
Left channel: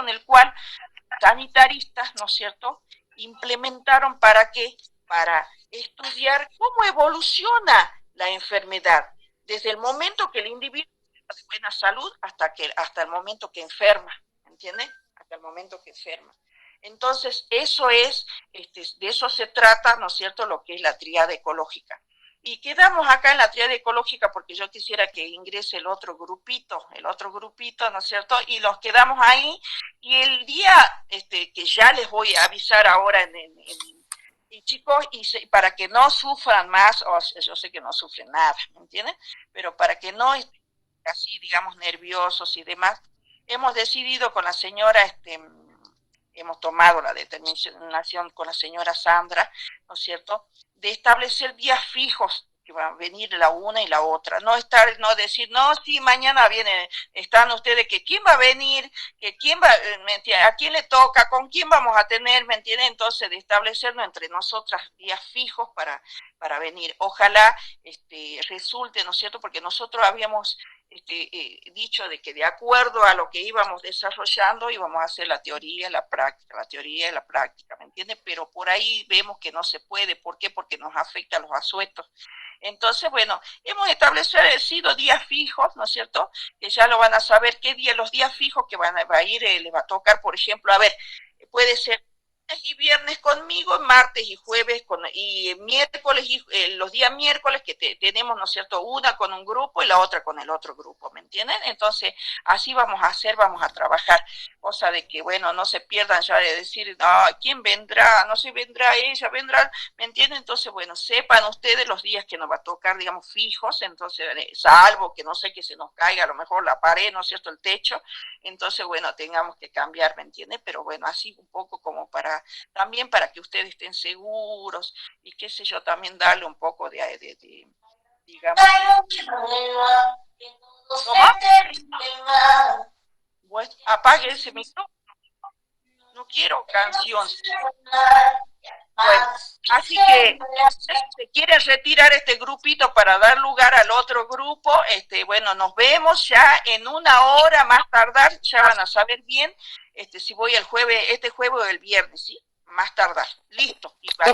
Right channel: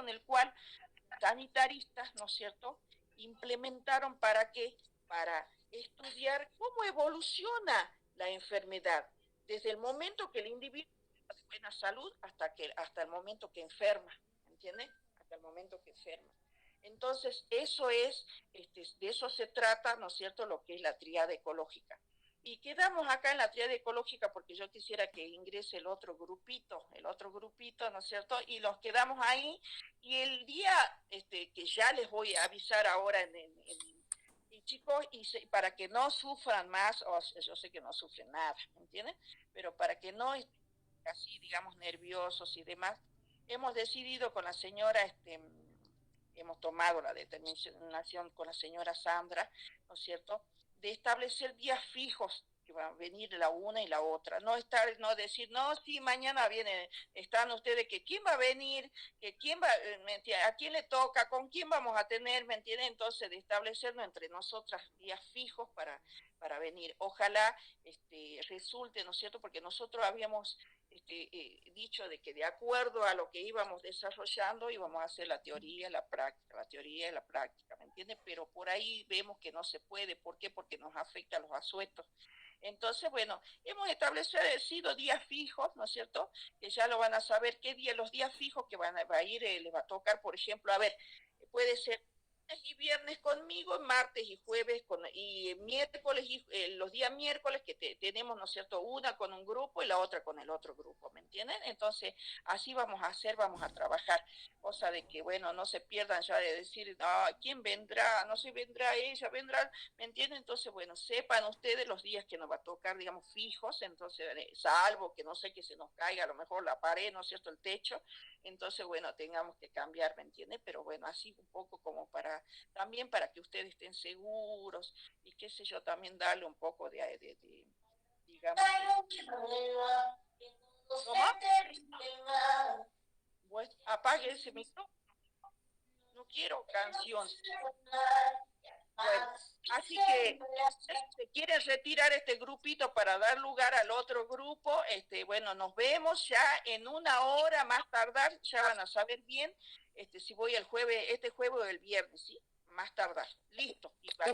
en el cual sanitaristas, ¿no es cierto?, implementaron ¿para qué? Para estudiar cómo evoluciona la enfermedad, desde el momento que el individuo está de buena salud hasta el momento que enferma, ¿entiendes? Hasta el momento que enferma. Entonces, de eso se trata, ¿no es cierto?, lo que es la tríada ecológica. Y quedamos acá en la tríada ecológica porque yo quisiera que ingrese el otro grupito, ¿no es cierto? Y los quedamos ahí, y el día que ya les voy a avisar ahora y chicos, para que no sufran más, yo sé que no sufren nada, ¿me entienden? Pero para que no estén así, digamos, nerviosos y demás, hemos decidido con la señora, hemos tomado la determinación con la señora Sandra, ¿no es cierto?, de establecer días fijos que van a venir la una y la otra, no decir, no, sí, mañana están ustedes, que quién va a venir, que quién va, a quién le toca, con quién vamos a tener, ¿me entienden? Entonces, de establecernos entre nosotras días fijos para venir. Ojalá resulte, ¿no es cierto?, porque nosotros habíamos dicho de que de acuerdo a lo que íbamos desarrollando íbamos a hacer la teoría y la práctica, ¿me entiendes? Pero por ahí vemos que no se puede. ¿Por qué? Porque nos afecta a los asuetos. Entonces, bueno, hemos establecido días fijos, ¿no es cierto?, que ya lo van a saber qué día, los días fijos que va a ir, les va a tocar, por ejemplo, a ver, puede ser y viernes conmigo, martes y jueves y miércoles, los días miércoles que tenemos, ¿no es cierto?, una con un grupo y la otra con el otro grupo, ¿me entienden? Entonces, así vamos a trabajar, cosa de que, bueno, no se pierdan ya de decir, ¿quién vendrá? No sé, vendrá ella, vendrá, ¿me entienden? Entonces, bueno, sepan ustedes los días que nos va a tocar, digamos, fijos, entonces, salvo que no sé, que se nos caiga a lo mejor la pared, ¿no es cierto?, el techo, entonces, bueno, tengamos que cambiar, ¿me entienden? Pero bueno, así un poco como también para que ustedes estén seguros y qué sé yo, también darle un poco digamos, bueno, apague ese micrófono, no quiero canción. Bueno, así que si se quiere retirar este grupito para dar lugar al otro grupo, bueno, nos vemos ya en una hora más tardar, ya van a saber bien si voy el jueves, este jueves o el viernes, ¿sí? Más tardar, listo. ¿Ahí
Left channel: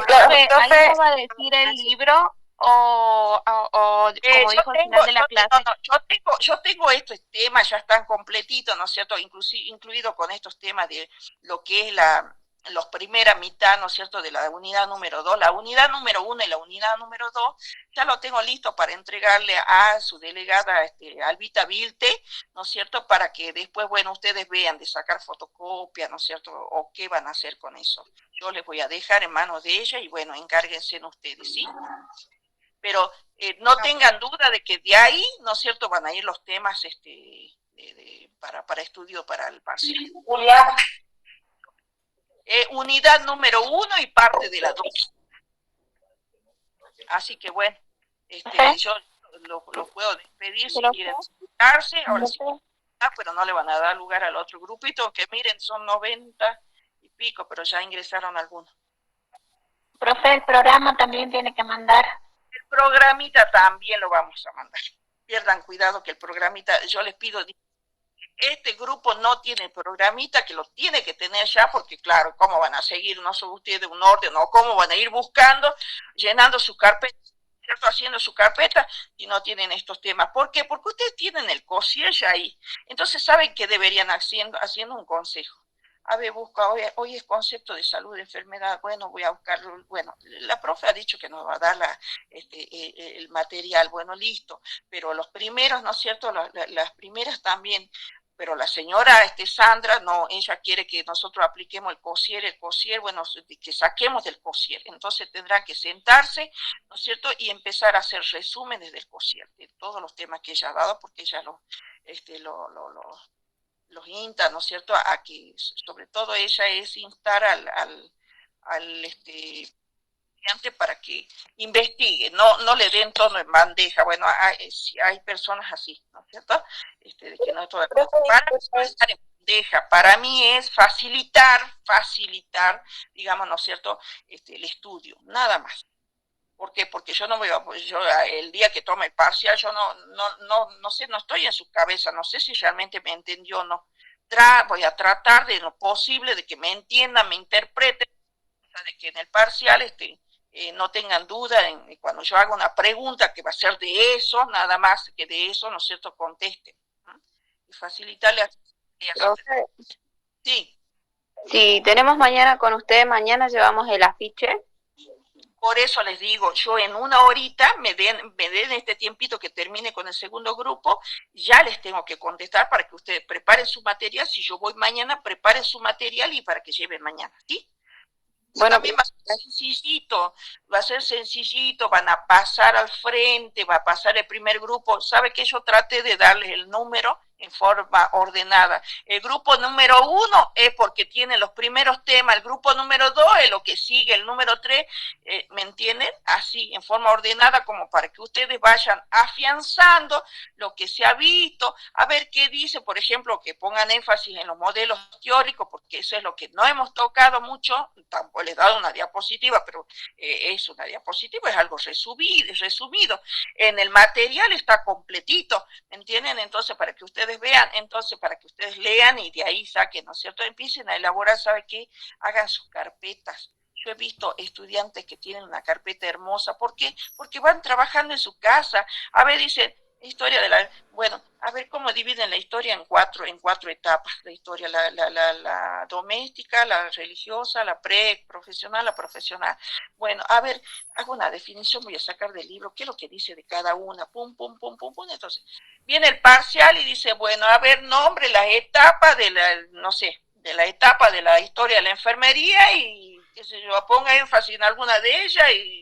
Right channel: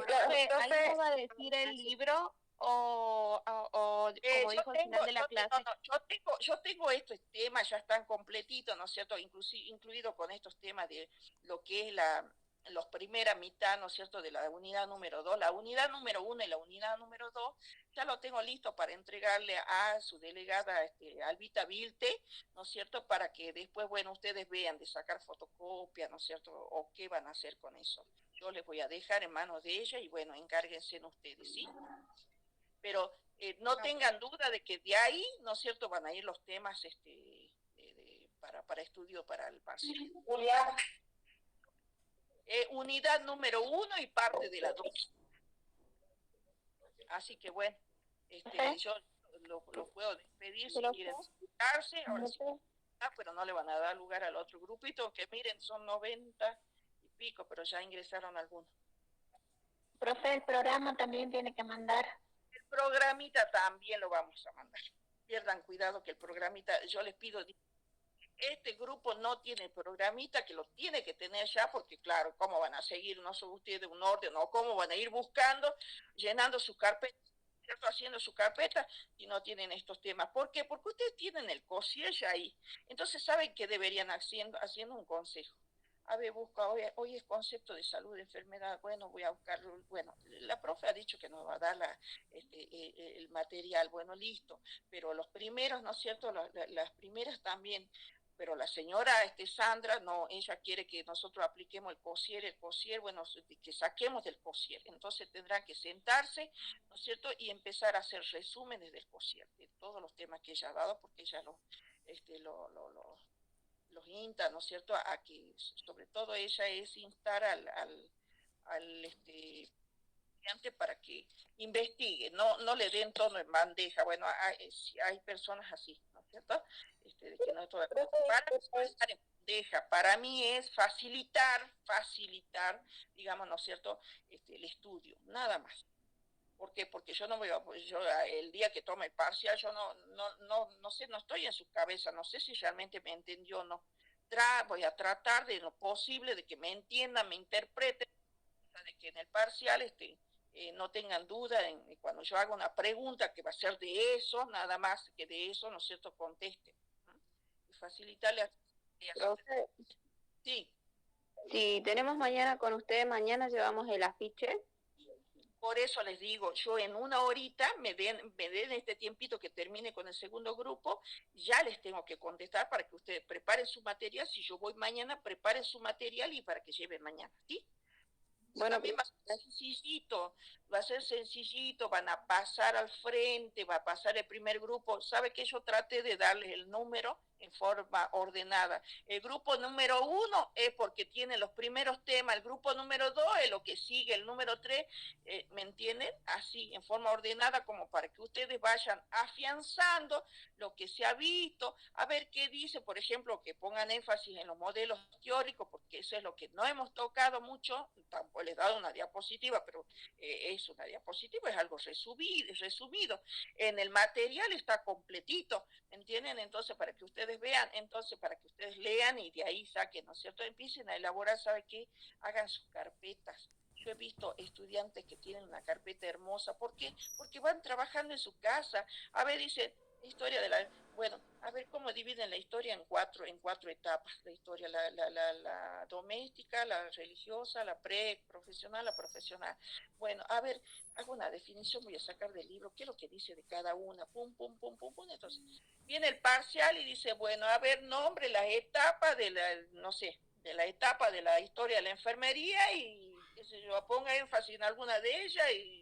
va a decir el libro como dijo al final de la clase? Yo tengo estos temas, ya están completitos, ¿no es cierto?, incluido con estos temas de lo que es los primera mitad, ¿no es cierto?, de la unidad número 2, la unidad número 1 y la unidad número 2, ya lo tengo listo para entregarle a su delegada, Albita Vilte, ¿no es cierto?, para que después, bueno, ustedes vean de sacar fotocopia, ¿no es cierto?, o qué van a hacer con eso. Yo les voy a dejar en manos de ella y, bueno, encárguense en ustedes, ¿sí? Pero no tengan duda de que de ahí, ¿no es cierto?, van a ir los temas para estudio para el parcial. Unidad número 1 y parte de la 2. Así que bueno, yo los puedo despedir si quieren sentarse, ahora sí, pero no le van a dar lugar al otro grupito, que miren, son 90 y pico, pero ya ingresaron algunos. Profe, el programa también tiene que mandar. El programita también lo vamos a mandar. Pierdan cuidado que el programita, yo les pido, este grupo no tiene programita, que lo tiene que tener ya, porque claro, ¿cómo van a seguir? No son ustedes un orden, o cómo van a ir buscando, llenando su carpeta, ¿cierto? Haciendo su carpeta y no tienen estos temas. ¿Por qué? Porque ustedes tienen el concierge ahí. Entonces saben que deberían haciendo un consejo. A ver, busca, hoy es concepto de salud, de enfermedad, bueno, voy a buscarlo, bueno, la profe ha dicho que nos va a dar el material, bueno, listo, pero los primeros, ¿no es cierto?, las primeras también, pero la señora Sandra, no, ella quiere que nosotros apliquemos el COSIER, bueno, que saquemos del COSIER, entonces tendrán que sentarse, ¿no es cierto?, y empezar a hacer resúmenes del COSIER, de todos los temas que ella ha dado, porque ella los insta, ¿no es cierto?, a que, sobre todo ella es instar al estudiante para que investigue, no le den todo en bandeja. Bueno, hay personas así, ¿no es cierto?, de que no todo para estar en bandeja. Para mí es facilitar, digamos, ¿no es cierto?, el estudio, nada más. ¿Por qué? Porque yo no voy a, pues yo el día que tome el parcial, yo no sé, no estoy en su cabeza, no sé si realmente me entendió o no. Voy a tratar de lo posible de que me entiendan, me interpreten, de que en el parcial no tengan duda cuando yo haga una pregunta que va a ser de eso, nada más que de eso, ¿no es cierto?, contesten. ¿No? Y facilitarle a sí. Si tenemos mañana con ustedes, mañana llevamos el afiche. Por eso les digo, yo en una horita me den este tiempito que termine con el segundo grupo, ya les tengo que contestar para que ustedes preparen su material. Si yo voy mañana, preparen su material y para que lleven mañana, ¿sí? Bueno, también va a ser sencillito, van a pasar al frente, va a pasar el primer grupo. ¿Sabe que yo traté de darles el número en forma ordenada? El grupo número 1 es porque tiene los primeros temas, el grupo número 2 es lo que sigue, el número 3, ¿me entienden? Así, en forma ordenada, como para que ustedes vayan afianzando lo que se ha visto, a ver qué dice, por ejemplo, que pongan énfasis en los modelos teóricos, porque eso es lo que no hemos tocado mucho. Tampoco les he dado una diapositiva, pero es una diapositiva, es algo resumido. En el material está completito, ¿me entienden? Entonces, para que ustedes vean, entonces, para que ustedes lean y de ahí saquen, ¿no es cierto? Empiecen a elaborar, ¿sabe qué? Hagan sus carpetas. Yo he visto estudiantes que tienen una carpeta hermosa. ¿Por qué? Porque van trabajando en su casa. A ver, dicen, historia de la... Bueno, a ver cómo dividen la historia en cuatro etapas. La historia, la doméstica, la religiosa, la pre-profesional, la profesional. Bueno, a ver, hago una definición, voy a sacar del libro, qué es lo que dice de cada una. Pum, pum, pum, pum, pum. Entonces, viene el parcial y dice, bueno, a ver, nombre las etapas de la, no sé, de la etapa de la historia de la enfermería y, qué sé yo, ponga énfasis en alguna de ellas y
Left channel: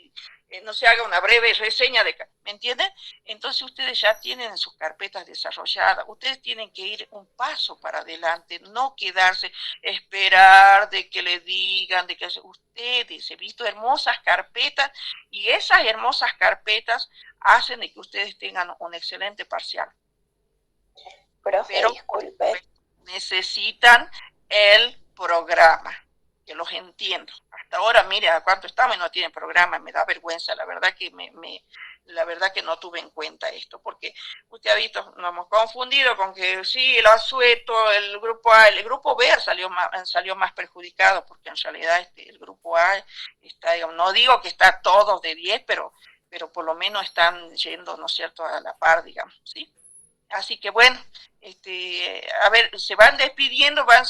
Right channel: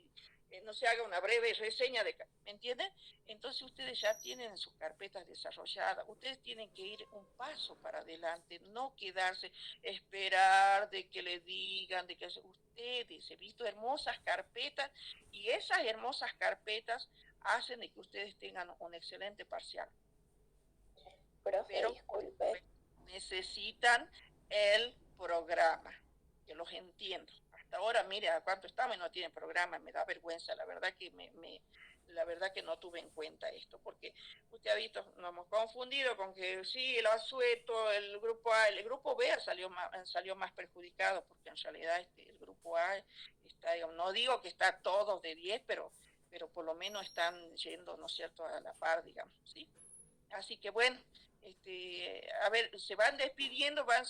no se haga una breve reseña de, ¿me entienden? Entonces ustedes ya tienen sus carpetas desarrolladas, ustedes tienen que ir un paso para adelante, no quedarse, esperar de que le digan, de que ustedes, he visto hermosas carpetas y esas hermosas carpetas hacen de que ustedes tengan un excelente parcial. Pero disculpe, necesitan el programa, que los entiendo. Hasta ahora, mire, a cuánto estamos y no tienen programa, me da vergüenza, la verdad que la verdad que no tuve en cuenta esto, porque usted ha visto, nos hemos confundido con que sí, el asueto, el grupo A, el grupo B salió más perjudicado, porque en realidad el grupo A está, digamos, no digo que está todos de 10, pero por lo menos están yendo, ¿no es cierto?, a la par, digamos, ¿sí? Así que bueno, a ver, se van despidiendo, van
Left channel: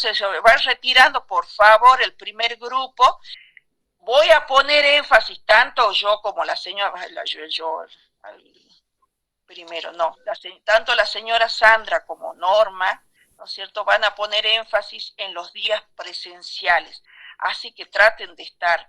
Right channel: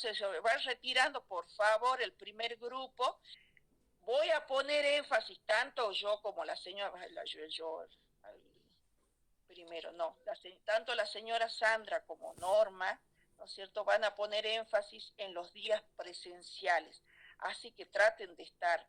retirando, por favor, el primer grupo. Voy a poner énfasis, tanto yo como la señora, primero, no, tanto la señora Sandra como Norma, ¿no es cierto?, van a poner énfasis en los días presenciales. Así que traten de estar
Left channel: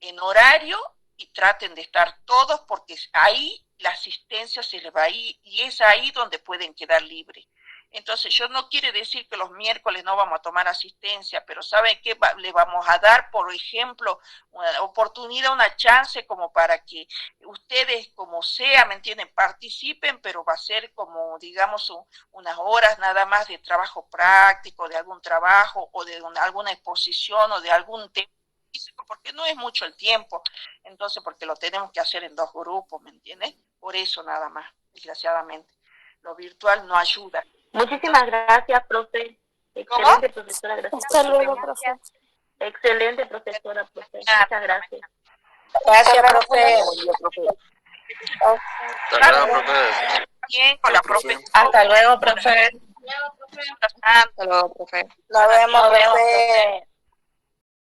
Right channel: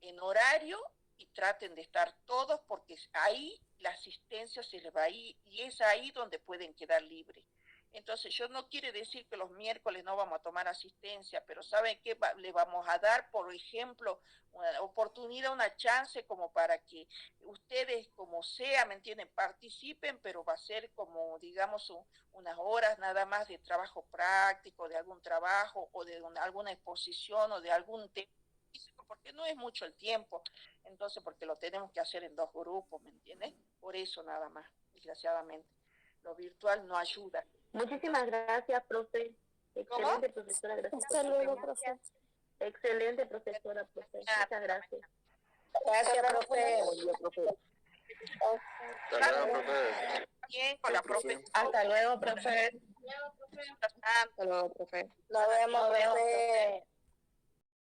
en horario y traten de estar todos, porque ahí la asistencia se les va a ir y es ahí donde pueden quedar libres. Entonces, yo no quiere decir que los miércoles no vamos a tomar asistencia, pero ¿saben qué? Le vamos a dar, por ejemplo, una oportunidad, una chance como para que ustedes, como sea, ¿me entienden?, participen, pero va a ser como, digamos, unas horas nada más de trabajo práctico, de algún trabajo o de alguna exposición o de algún tema físico, porque no es mucho el tiempo, entonces porque lo tenemos que hacer en 2 grupos, ¿me entiendes? Por eso nada más, desgraciadamente. Lo virtual no ayuda. Muchísimas gracias, profe. Excelente, profesora. Gracias. Hasta luego, profe. Excelente, profesora, profe. Muchas gracias. Gracias, profe. Hasta luego, profe. Bien, con la profesora. Hasta luego, profe. Hasta Hasta luego, profe. Nos vemos, profe.